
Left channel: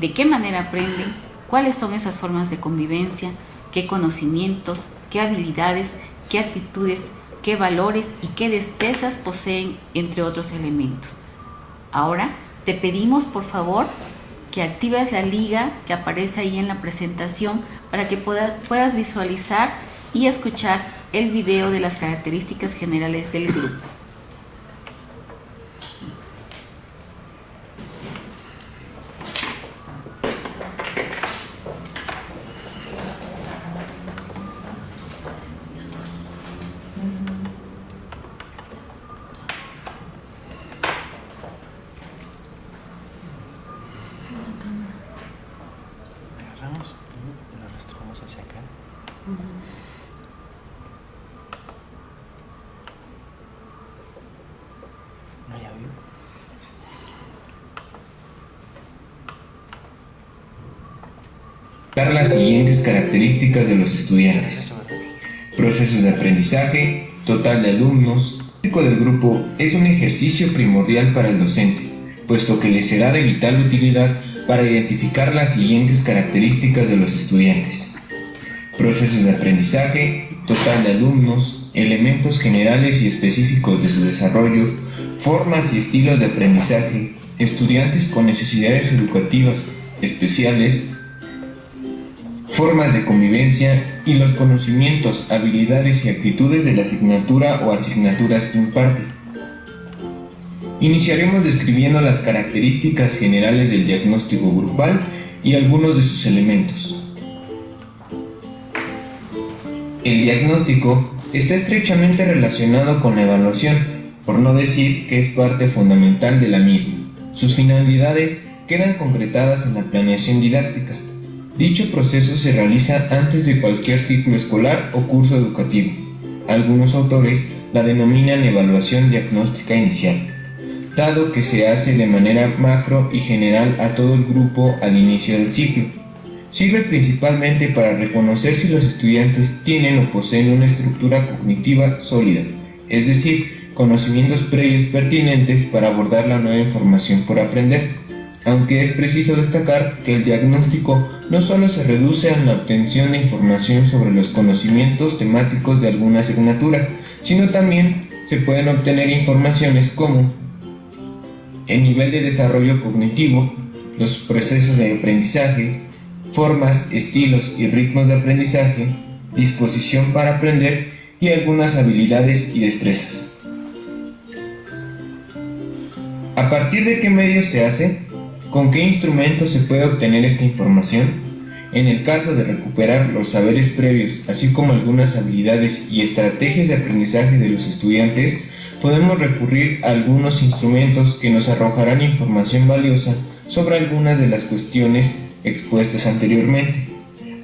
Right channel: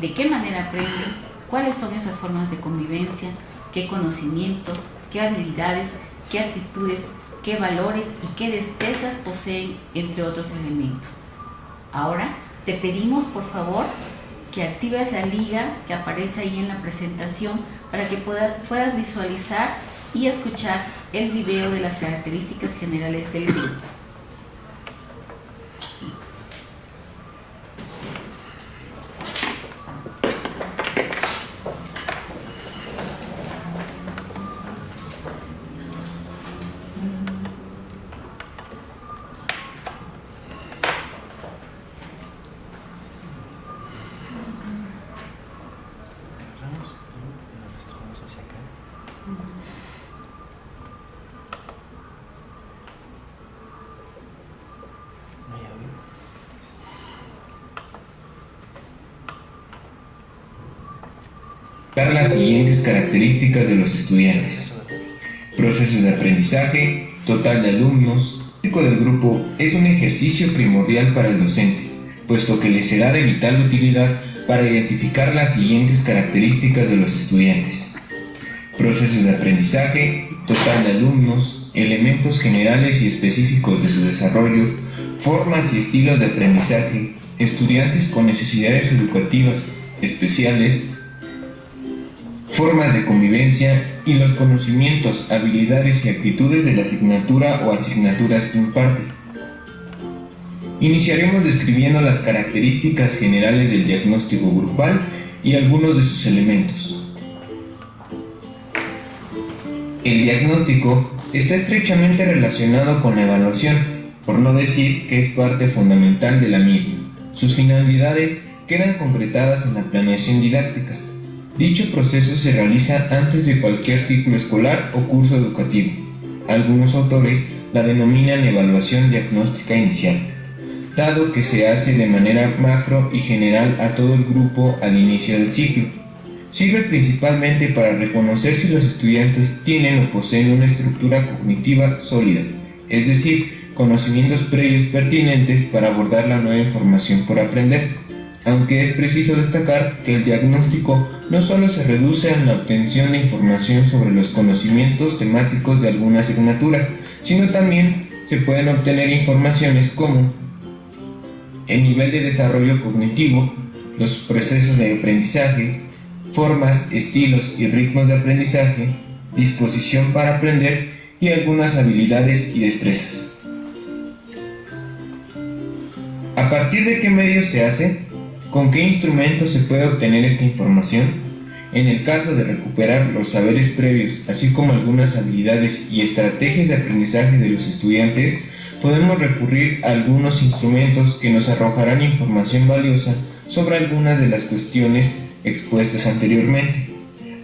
de qué manera aprenden, cuáles son esas formas de convivencia, qué conocimientos, qué habilidades, qué actitudes, qué valores y qué destrezas poseen, entre otros elementos. Ahora, te pedimos por favor que actives la liga que aparece ahí en la presentación para que puedas visualizar y escuchar el video de las características generales del grupo. Agarramos y lo arrastramos hacia acá. No hay audio. Dar las siguientes características de los estudiantes. Eso, ¿verdad? Procesos de aprendizaje, total de alumnos. El público del grupo es un ejercicio primordial para el docente, puesto que le será de vital utilidad para identificar las siguientes características de los estudiantes. Procesos de aprendizaje, total de alumnos, elementos generales y específicos de su desarrollo, formas y estilos de aprendizaje, estudiantes con necesidades educativas especiales, formas de convivencia y los conocimientos, habilidades y actitudes de la asignatura o asignaturas que imparte. Iniciaremos describiendo las características generales del diagnóstico grupal y algunos de sus elementos. El diagnóstico está estrechamente relacionado con la evaluación, por no decir que es parte fundamental de la misma. Sus finalidades quedan concretadas en la planeación didáctica. Dicho proceso se realiza antes de cualquier ciclo escolar o curso educativo. Algunos autores la denominan evaluación diagnóstica inicial, dado que se hace de manera macro y general a todo el grupo al inicio del ciclo. Sirve principalmente para reconocer si los estudiantes tienen o poseen una estructura cognitiva sólida, es decir, conocimientos previos pertinentes para abordar la nueva información por aprender. Aunque es preciso destacar que el diagnóstico no solo se reduce a la obtención de información sobre los conocimientos temáticos de alguna asignatura, sino también se pueden obtener informaciones como el nivel de desarrollo cognitivo, los procesos de aprendizaje, formas, estilos y ritmos de aprendizaje, disposición para aprender y algunas habilidades y destrezas. ¿A partir de qué medios se hace? ¿Con qué instrumentos se puede obtener esta información? En el caso de recuperar los saberes previos, así como algunas habilidades y estrategias de aprendizaje de los estudiantes, podemos recurrir a algunos instrumentos que nos arrojarán información valiosa sobre algunas de las cuestiones expuestas anteriormente.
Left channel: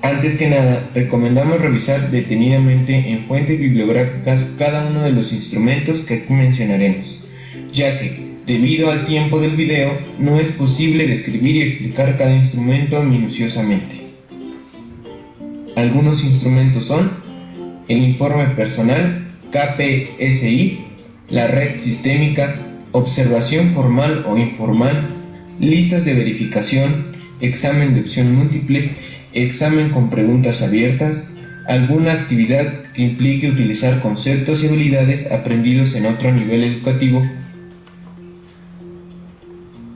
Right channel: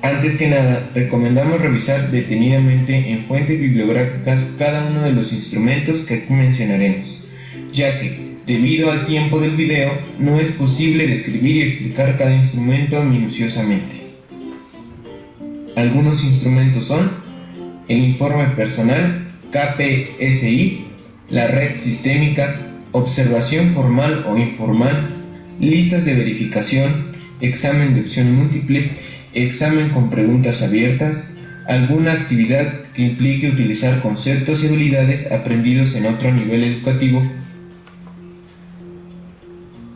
Antes que nada, recomendamos revisar detenidamente en fuentes bibliográficas cada uno de los instrumentos que aquí mencionaremos, ya que, debido al tiempo del video, no es posible describir y explicar cada instrumento minuciosamente. Algunos instrumentos son el informe personal KPSI, la red sistémica, observación formal o informal, listas de verificación, examen de opción múltiple, examen con preguntas abiertas, alguna actividad que implique utilizar conceptos y habilidades aprendidos en otro nivel educativo.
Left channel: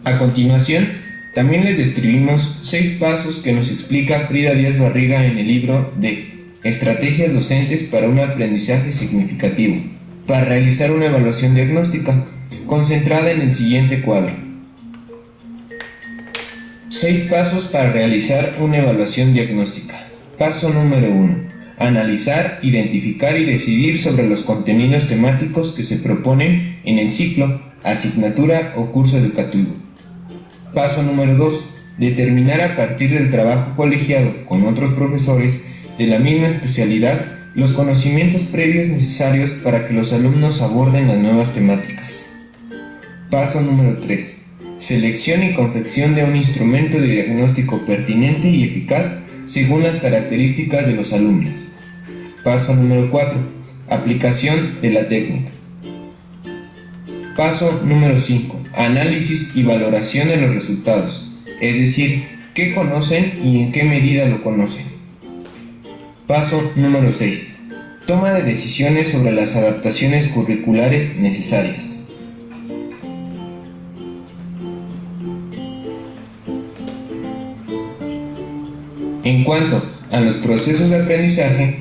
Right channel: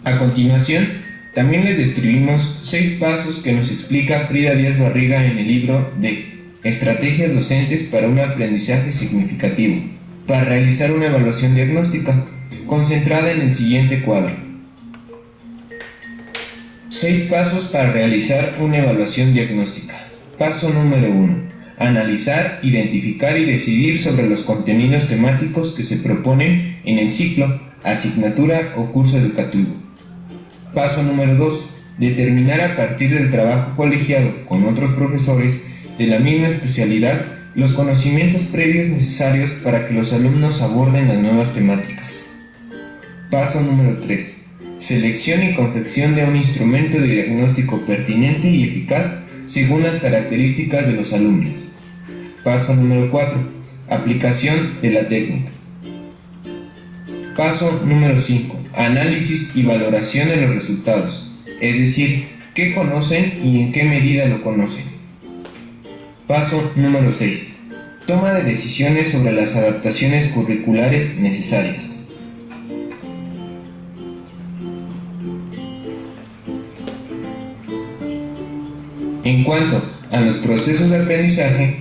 A continuación, también les describimos 6 pasos que nos explica Frida Díaz Barriga en el libro de Estrategias docentes para un aprendizaje significativo, para realizar una evaluación diagnóstica, concentrada en el siguiente cuadro. 6 pasos para realizar una evaluación diagnóstica. Paso número 1. Analizar, identificar y decidir sobre los contenidos temáticos que se proponen en el ciclo, asignatura o curso educativo. Paso número 2. Determinar a partir del trabajo colegiado con otros profesores de la misma especialidad los conocimientos previos necesarios para que los alumnos aborden las nuevas temáticas. Paso número 3. Selección y confección de un instrumento de diagnóstico pertinente y eficaz según las características de los alumnos. Paso número 4. Aplicación de la técnica. Paso número 5. Análisis y valoración de los resultados, es decir, qué conocen y en qué medida lo conocen. Paso número 6. Toma de decisiones sobre las adaptaciones curriculares necesarias. En cuanto a los procesos de aprendizaje,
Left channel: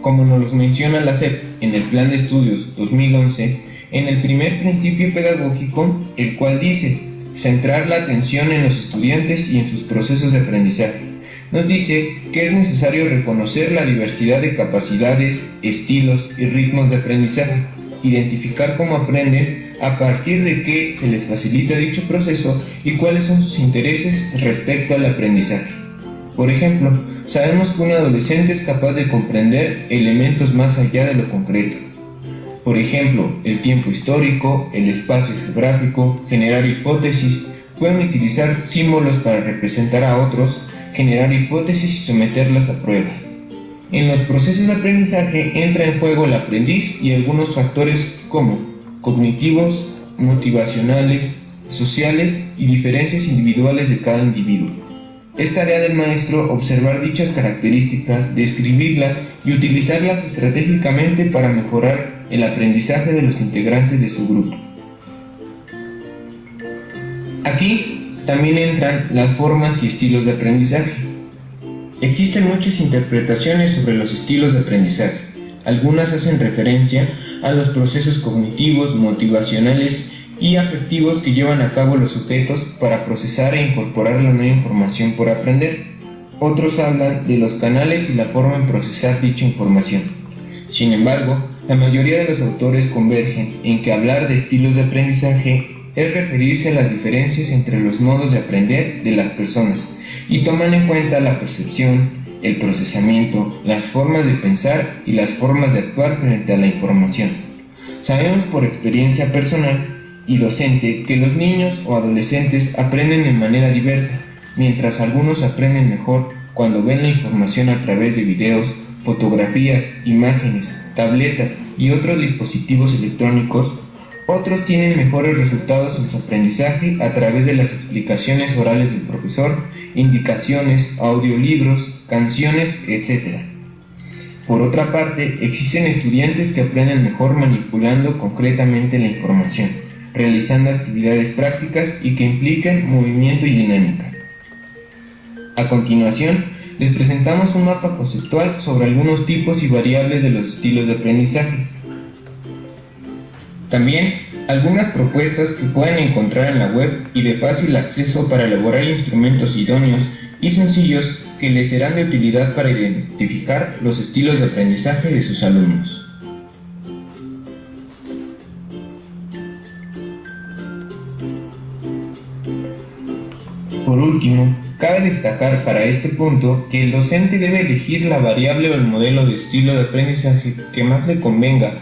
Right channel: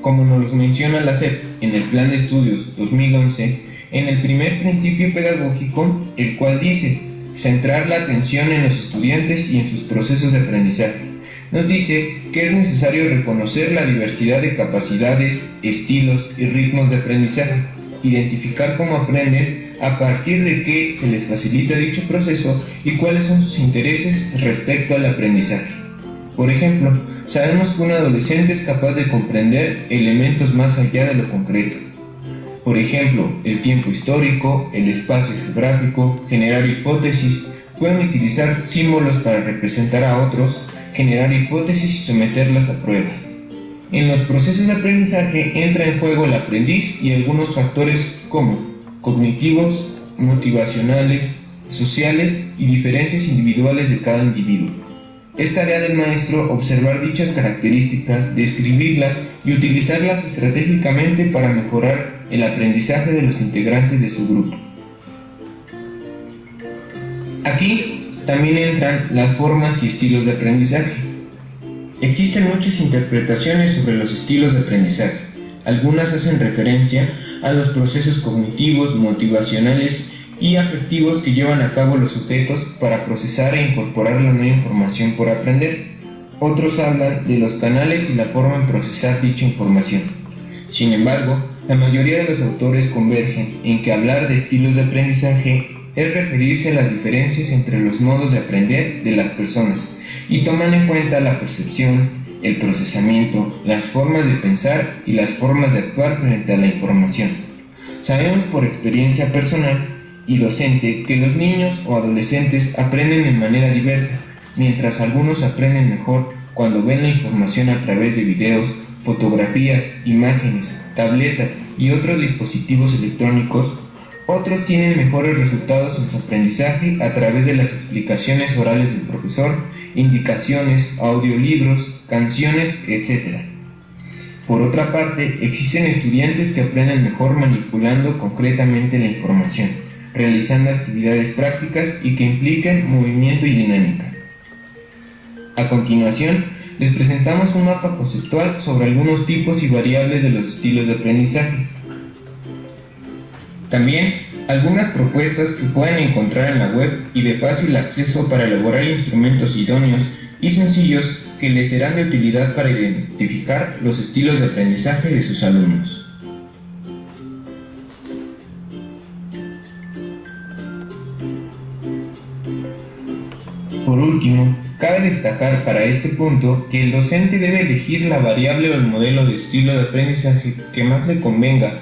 como nos los menciona la SEP en el Plan de Estudios 2011, en el primer principio pedagógico, el cual dice centrar la atención en los estudiantes y en sus procesos de aprendizaje, nos dice que es necesario reconocer la diversidad de capacidades, estilos y ritmos de aprendizaje, identificar cómo aprenden, a partir de qué se les facilita dicho proceso y cuáles son sus intereses respecto al aprendizaje. Por ejemplo, sabemos que un adolescente es capaz de comprender elementos más allá de lo concreto. Por ejemplo, el tiempo histórico, el espacio geográfico, generar hipótesis, pueden utilizar símbolos para representar a otros, generar hipótesis y someterlas a prueba. En los procesos de aprendizaje entra en juego el aprendiz y algunos factores como cognitivos, motivacionales, sociales y diferencias individuales de cada individuo. Es tarea del maestro observar dichas características, describirlas y utilizarlas estratégicamente para mejorar el aprendizaje de los integrantes de su grupo. Aquí también entran las formas y estilos de aprendizaje. Existen muchas interpretaciones sobre los estilos de aprendizaje. Algunas hacen referencia a los procesos cognitivos, motivacionales y afectivos que llevan a cabo los sujetos para procesar e incorporar la nueva información por aprender. Otros hablan de los canales y la forma en procesar dicha información. Sin embargo, la mayoría de los autores convergen en que hablar de estilos de aprendizaje es referirse a las diferencias entre los modos de aprender de las personas y toman en cuenta la percepción, el procesamiento, las formas de pensar y las formas de actuar frente a la información. Sabemos por experiencia personal y docente que los niños o adolescentes aprenden de manera diversa, mientras algunos aprenden mejor cuando ven la información a través de videos, fotografías, imágenes, tabletas y otros dispositivos electrónicos. Otros tienen mejores resultados en su aprendizaje a través de las explicaciones orales del profesor, indicaciones, audiolibros, canciones, etc. Por otra parte, existen estudiantes que aprenden mejor manipulando concretamente la información, realizando actividades prácticas y que implican movimiento y dinámica. A continuación, les presentamos un mapa conceptual sobre algunos tipos y variables de los estilos de aprendizaje. También algunas propuestas que pueden encontrar en la web y de fácil acceso para elaborar instrumentos idóneos y sencillos que les serán de utilidad para identificar los estilos de aprendizaje de sus alumnos. Por último, cabe destacar para este punto que el docente debe elegir la variable o el modelo de estilo de aprendizaje que más le convenga,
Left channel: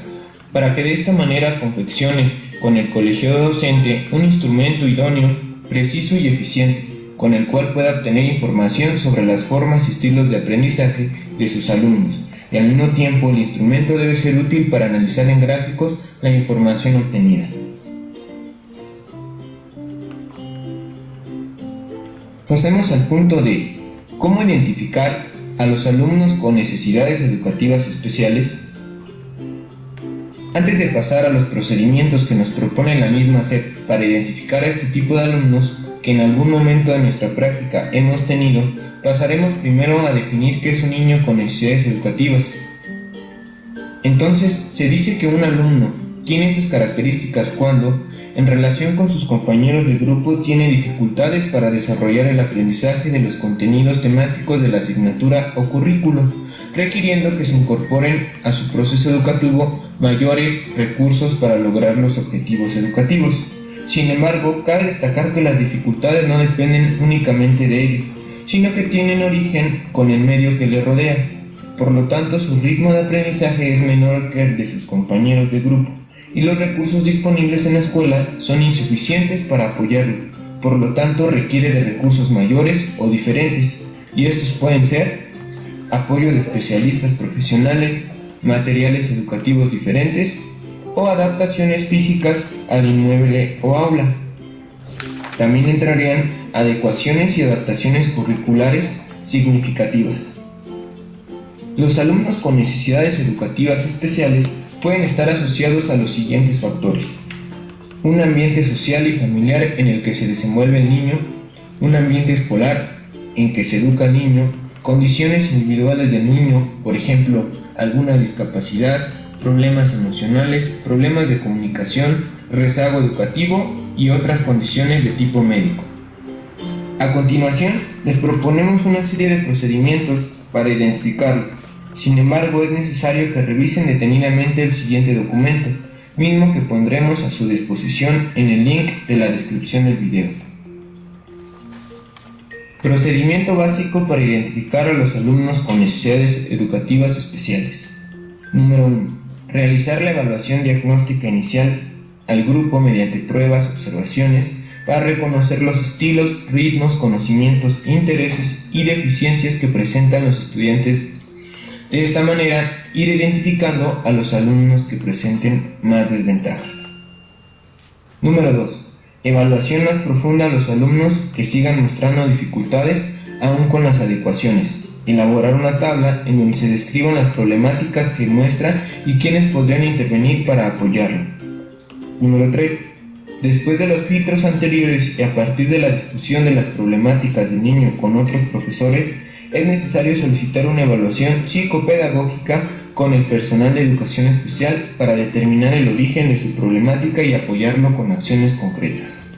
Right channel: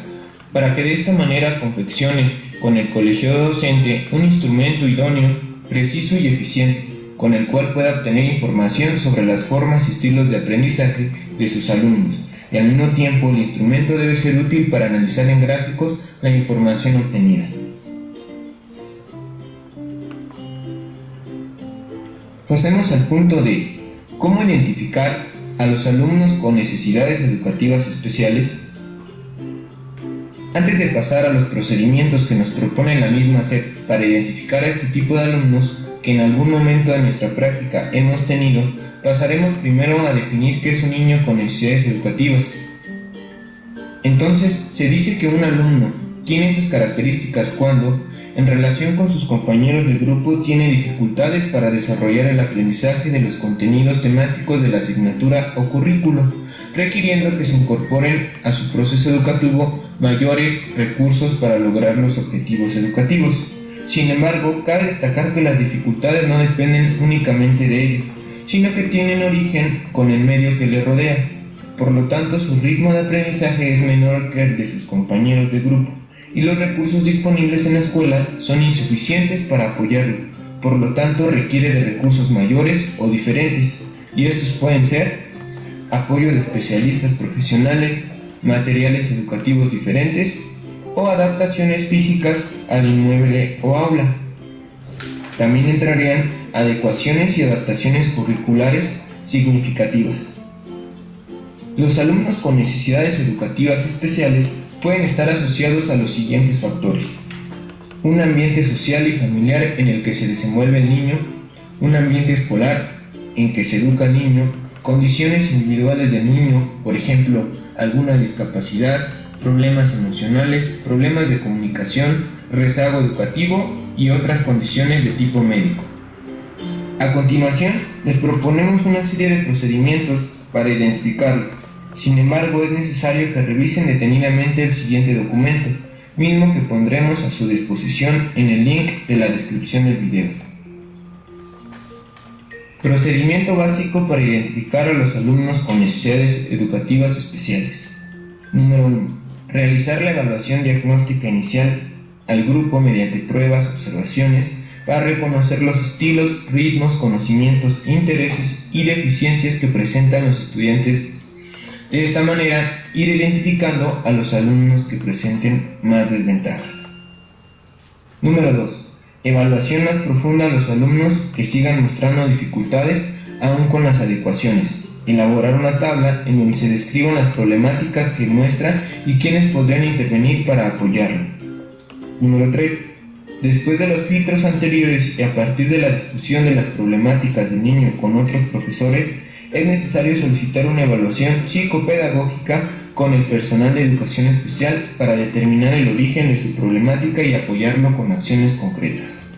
para que de esta manera confeccione con el colegiado docente un instrumento idóneo, preciso y eficiente, con el cual pueda obtener información sobre las formas y estilos de aprendizaje de sus alumnos, y al mismo tiempo el instrumento debe ser útil para analizar en gráficos la información obtenida. Pasemos al punto de cómo identificar a los alumnos con necesidades educativas especiales. Antes de pasar a los procedimientos que nos propone la misma SEP para identificar a este tipo de alumnos que en algún momento de nuestra práctica hemos tenido, pasaremos primero a definir qué es un niño con necesidades educativas. Entonces, se dice que un alumno tiene estas características cuando, en relación con sus compañeros de grupo, tiene dificultades para desarrollar el aprendizaje de los contenidos temáticos de la asignatura o currículo, requiriendo que se incorporen a su proceso educativo mayores recursos para lograr los objetivos educativos. Sin embargo, cabe destacar que las dificultades no dependen únicamente de ellos, sino que tienen origen con el medio que les rodea. Por lo tanto, su ritmo de aprendizaje es menor que el de sus compañeros de grupo, y los recursos disponibles en la escuela son insuficientes para apoyarlo. Por lo tanto, requiere de recursos mayores o diferentes, y estos pueden ser apoyo de especialistas profesionales, materiales educativos diferentes o adaptaciones físicas al inmueble o aula. También entrarían adecuaciones y adaptaciones curriculares significativas. Los alumnos con necesidades educativas especiales pueden estar asociados a los siguientes factores: un ambiente social y familiar en el que se desenvuelve el niño, un ambiente escolar en que se educa al niño, condiciones individuales del niño, por ejemplo, alguna discapacidad, problemas emocionales, problemas de comunicación, rezago educativo y otras condiciones de tipo médico. A continuación, les proponemos una serie de procedimientos para identificarlos. Sin embargo, es necesario que revisen detenidamente el siguiente documento, mismo que pondremos a su disposición en el link de la descripción del video. Procedimiento básico para identificar a los alumnos con necesidades educativas especiales. Número 1. Realizar la evaluación diagnóstica inicial al grupo mediante pruebas, observaciones, para reconocer los estilos, ritmos, conocimientos, intereses y deficiencias que presentan los estudiantes. De esta manera, ir identificando a los alumnos que presenten más desventajas. Número 2. Evaluación más profunda a los alumnos que sigan mostrando dificultades aún con las adecuaciones. Elaborar una tabla en donde se describan las problemáticas que muestra y quiénes podrían intervenir para apoyarlo. Número 3. Después de los filtros anteriores y a partir de la discusión de las problemáticas del niño con otros profesores, es necesario solicitar una evaluación psicopedagógica con el personal de educación especial para determinar el origen de su problemática y apoyarlo con acciones concretas.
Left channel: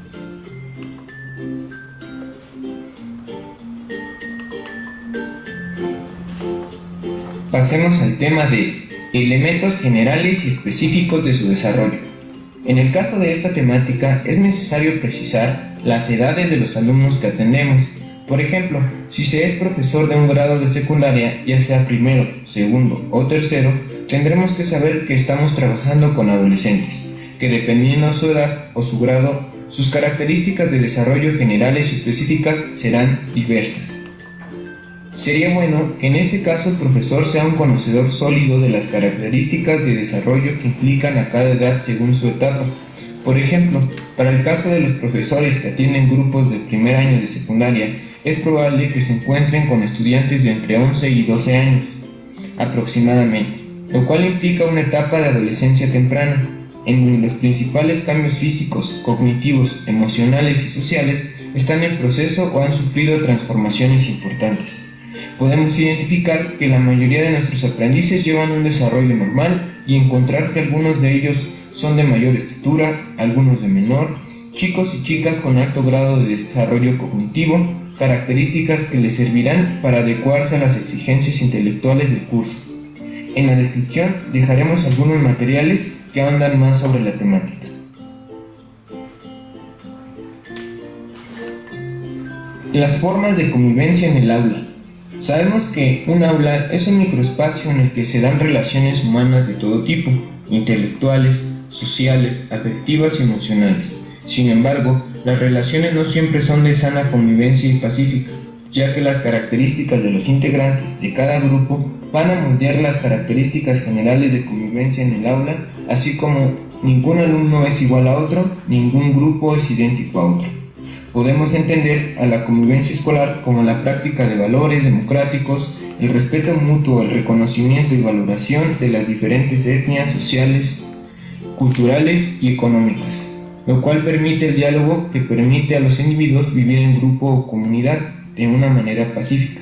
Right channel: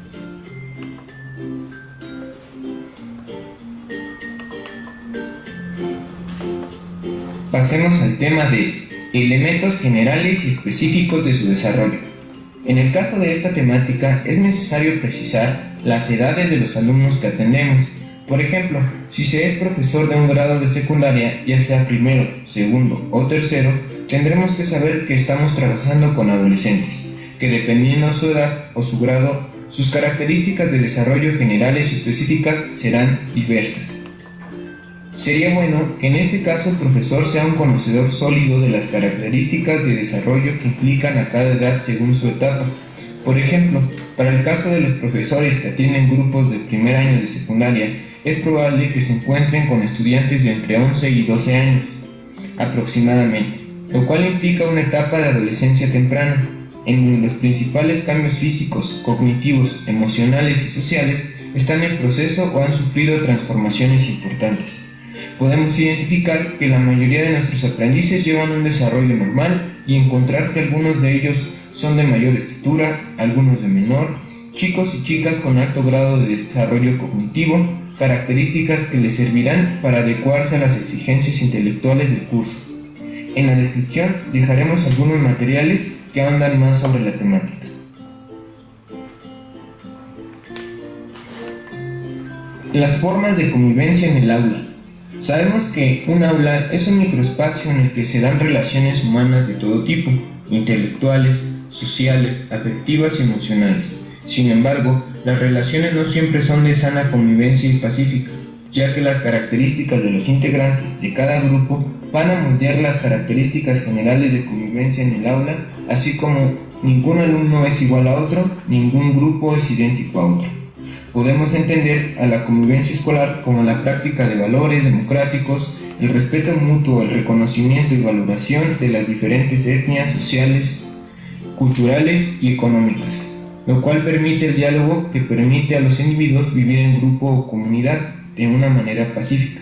Pasemos al tema de elementos generales y específicos de su desarrollo. En el caso de esta temática es necesario precisar las edades de los alumnos que atendemos. Por ejemplo, si se es profesor de un grado de secundaria, ya sea primero, segundo o tercero, tendremos que saber que estamos trabajando con adolescentes, que dependiendo de su edad o su grado, sus características de desarrollo generales y específicas serán diversas. Sería bueno que en este caso el profesor sea un conocedor sólido de las características de desarrollo que implican a cada edad según su etapa. Por ejemplo, para el caso de los profesores que atienden grupos de primer año de secundaria, es probable que se encuentren con estudiantes de entre 11 y 12 años aproximadamente, lo cual implica una etapa de adolescencia temprana, en donde los principales cambios físicos, cognitivos, emocionales y sociales están en proceso o han sufrido transformaciones importantes. Podemos identificar que la mayoría de nuestros aprendices llevan un desarrollo normal y encontrar que algunos de ellos son de mayor estatura, algunos de menor, chicos y chicas con alto grado de desarrollo cognitivo, características que les servirán para adecuarse a las exigencias intelectuales del curso. En la descripción dejaremos algunos materiales que ahondan más sobre la temática. Las formas de convivencia en el aula. Sabemos que un aula es un microespacio en el que se dan relaciones humanas de todo tipo, intelectuales, sociales, afectivas y emocionales. Sin embargo, las relaciones no siempre son de sana convivencia y pacífica. ya que las características de los integrantes de cada grupo van a moldear las características generales de convivencia en el aula, así como ningún alumno es igual a otro, ningún grupo es idéntico a otro. Podemos entender a la convivencia escolar como la práctica de valores democráticos, el respeto mutuo, el reconocimiento y valoración de las diferentes etnias sociales, culturales y económicas, lo cual permite el diálogo que permite a los individuos vivir en grupo o comunidad de una manera pacífica.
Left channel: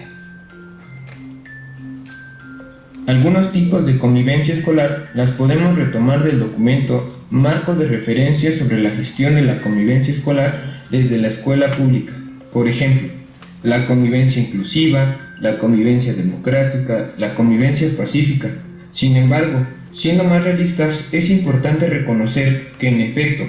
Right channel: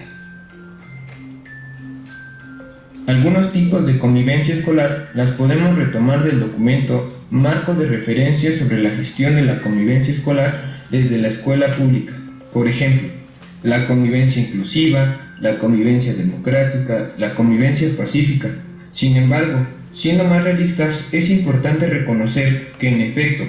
Algunos tipos de convivencia escolar las podemos retomar del documento Marco de referencia sobre la gestión de la convivencia escolar desde la escuela pública. Por ejemplo, la convivencia inclusiva, la convivencia democrática, la convivencia pacífica. Sin embargo, siendo más realistas, es importante reconocer que en efecto,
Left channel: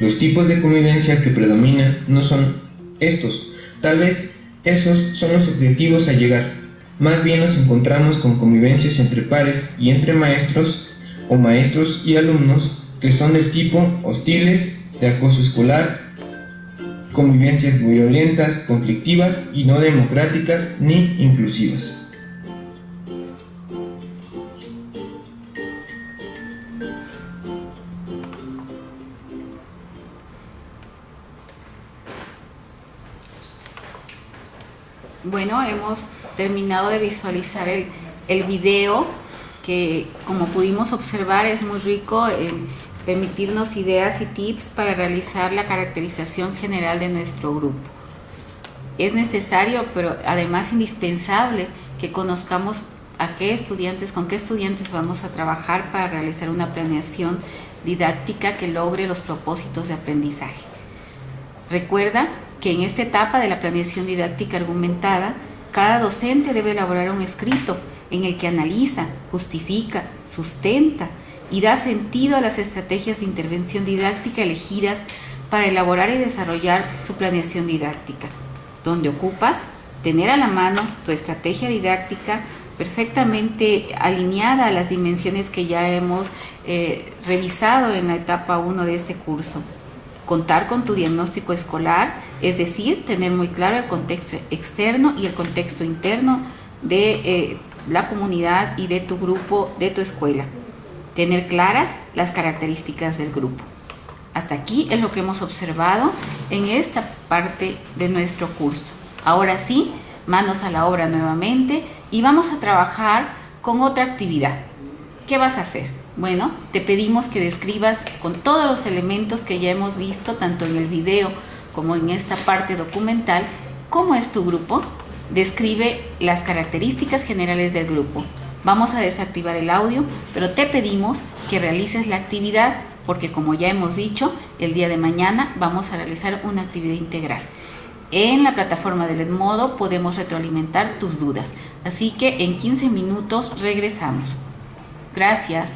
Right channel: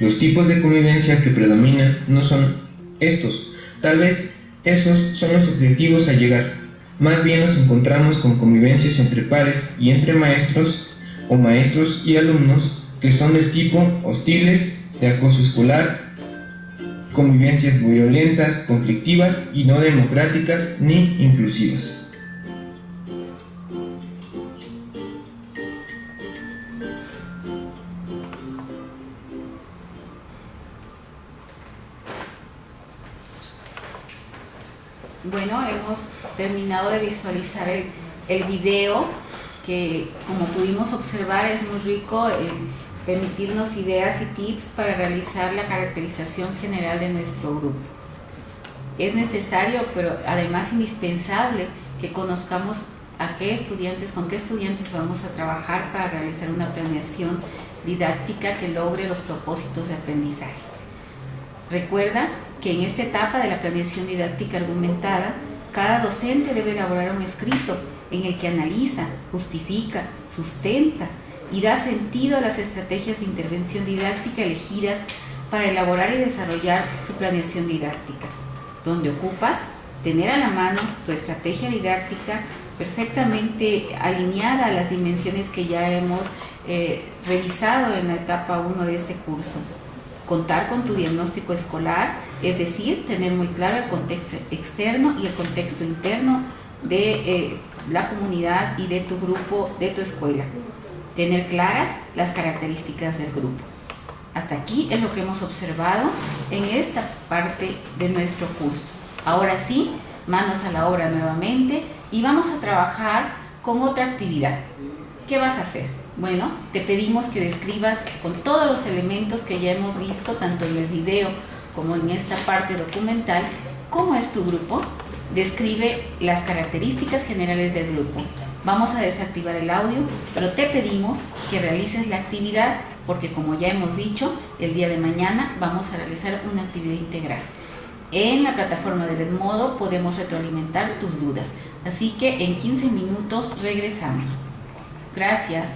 los tipos de convivencia que predominan no son estos. Tal vez esos son los objetivos a llegar. Más bien nos encontramos con convivencias entre pares y entre maestros o maestros y alumnos que son del tipo hostiles, de acoso escolar, convivencias violentas, conflictivas y no democráticas ni inclusivas. Bueno, hemos terminado de visualizar el video que, como pudimos observar, es muy rico en permitirnos ideas y tips para realizar la caracterización general de nuestro grupo. Es necesario, pero además indispensable, que conozcamos con qué estudiantes vamos a trabajar para realizar una planeación didáctica que logre los propósitos de aprendizaje. Recuerda que en esta etapa de la planeación didáctica argumentada, cada docente debe elaborar un escrito en el que analiza, justifica, sustenta y da sentido a las estrategias de intervención didáctica elegidas para elaborar y desarrollar su planeación didáctica, donde ocupas tener a la mano tu estrategia didáctica perfectamente alineada a las dimensiones que ya hemos revisado en la etapa 1 de este curso. Contar con tu diagnóstico escolar, es decir, tener muy claro el contexto externo y el contexto interno de la comunidad y de tu grupo, de tu escuela. Tener claras las características del grupo. Hasta aquí es lo que hemos observado en esta parte de nuestro curso. Ahora sí, manos a la obra nuevamente y vamos a trabajar con otra actividad. ¿Qué vas a hacer? Bueno, te pedimos que describas con todos los elementos que ya hemos visto, tanto en el video como en esta parte documental, cómo es tu grupo. Describe las características generales del grupo. Vamos a desactivar el audio, pero te pedimos que realices la actividad porque, como ya hemos dicho, el día de mañana vamos a realizar una actividad integral. En la plataforma del Edmodo podemos retroalimentar tus dudas, así que en 15 minutos regresamos. Gracias.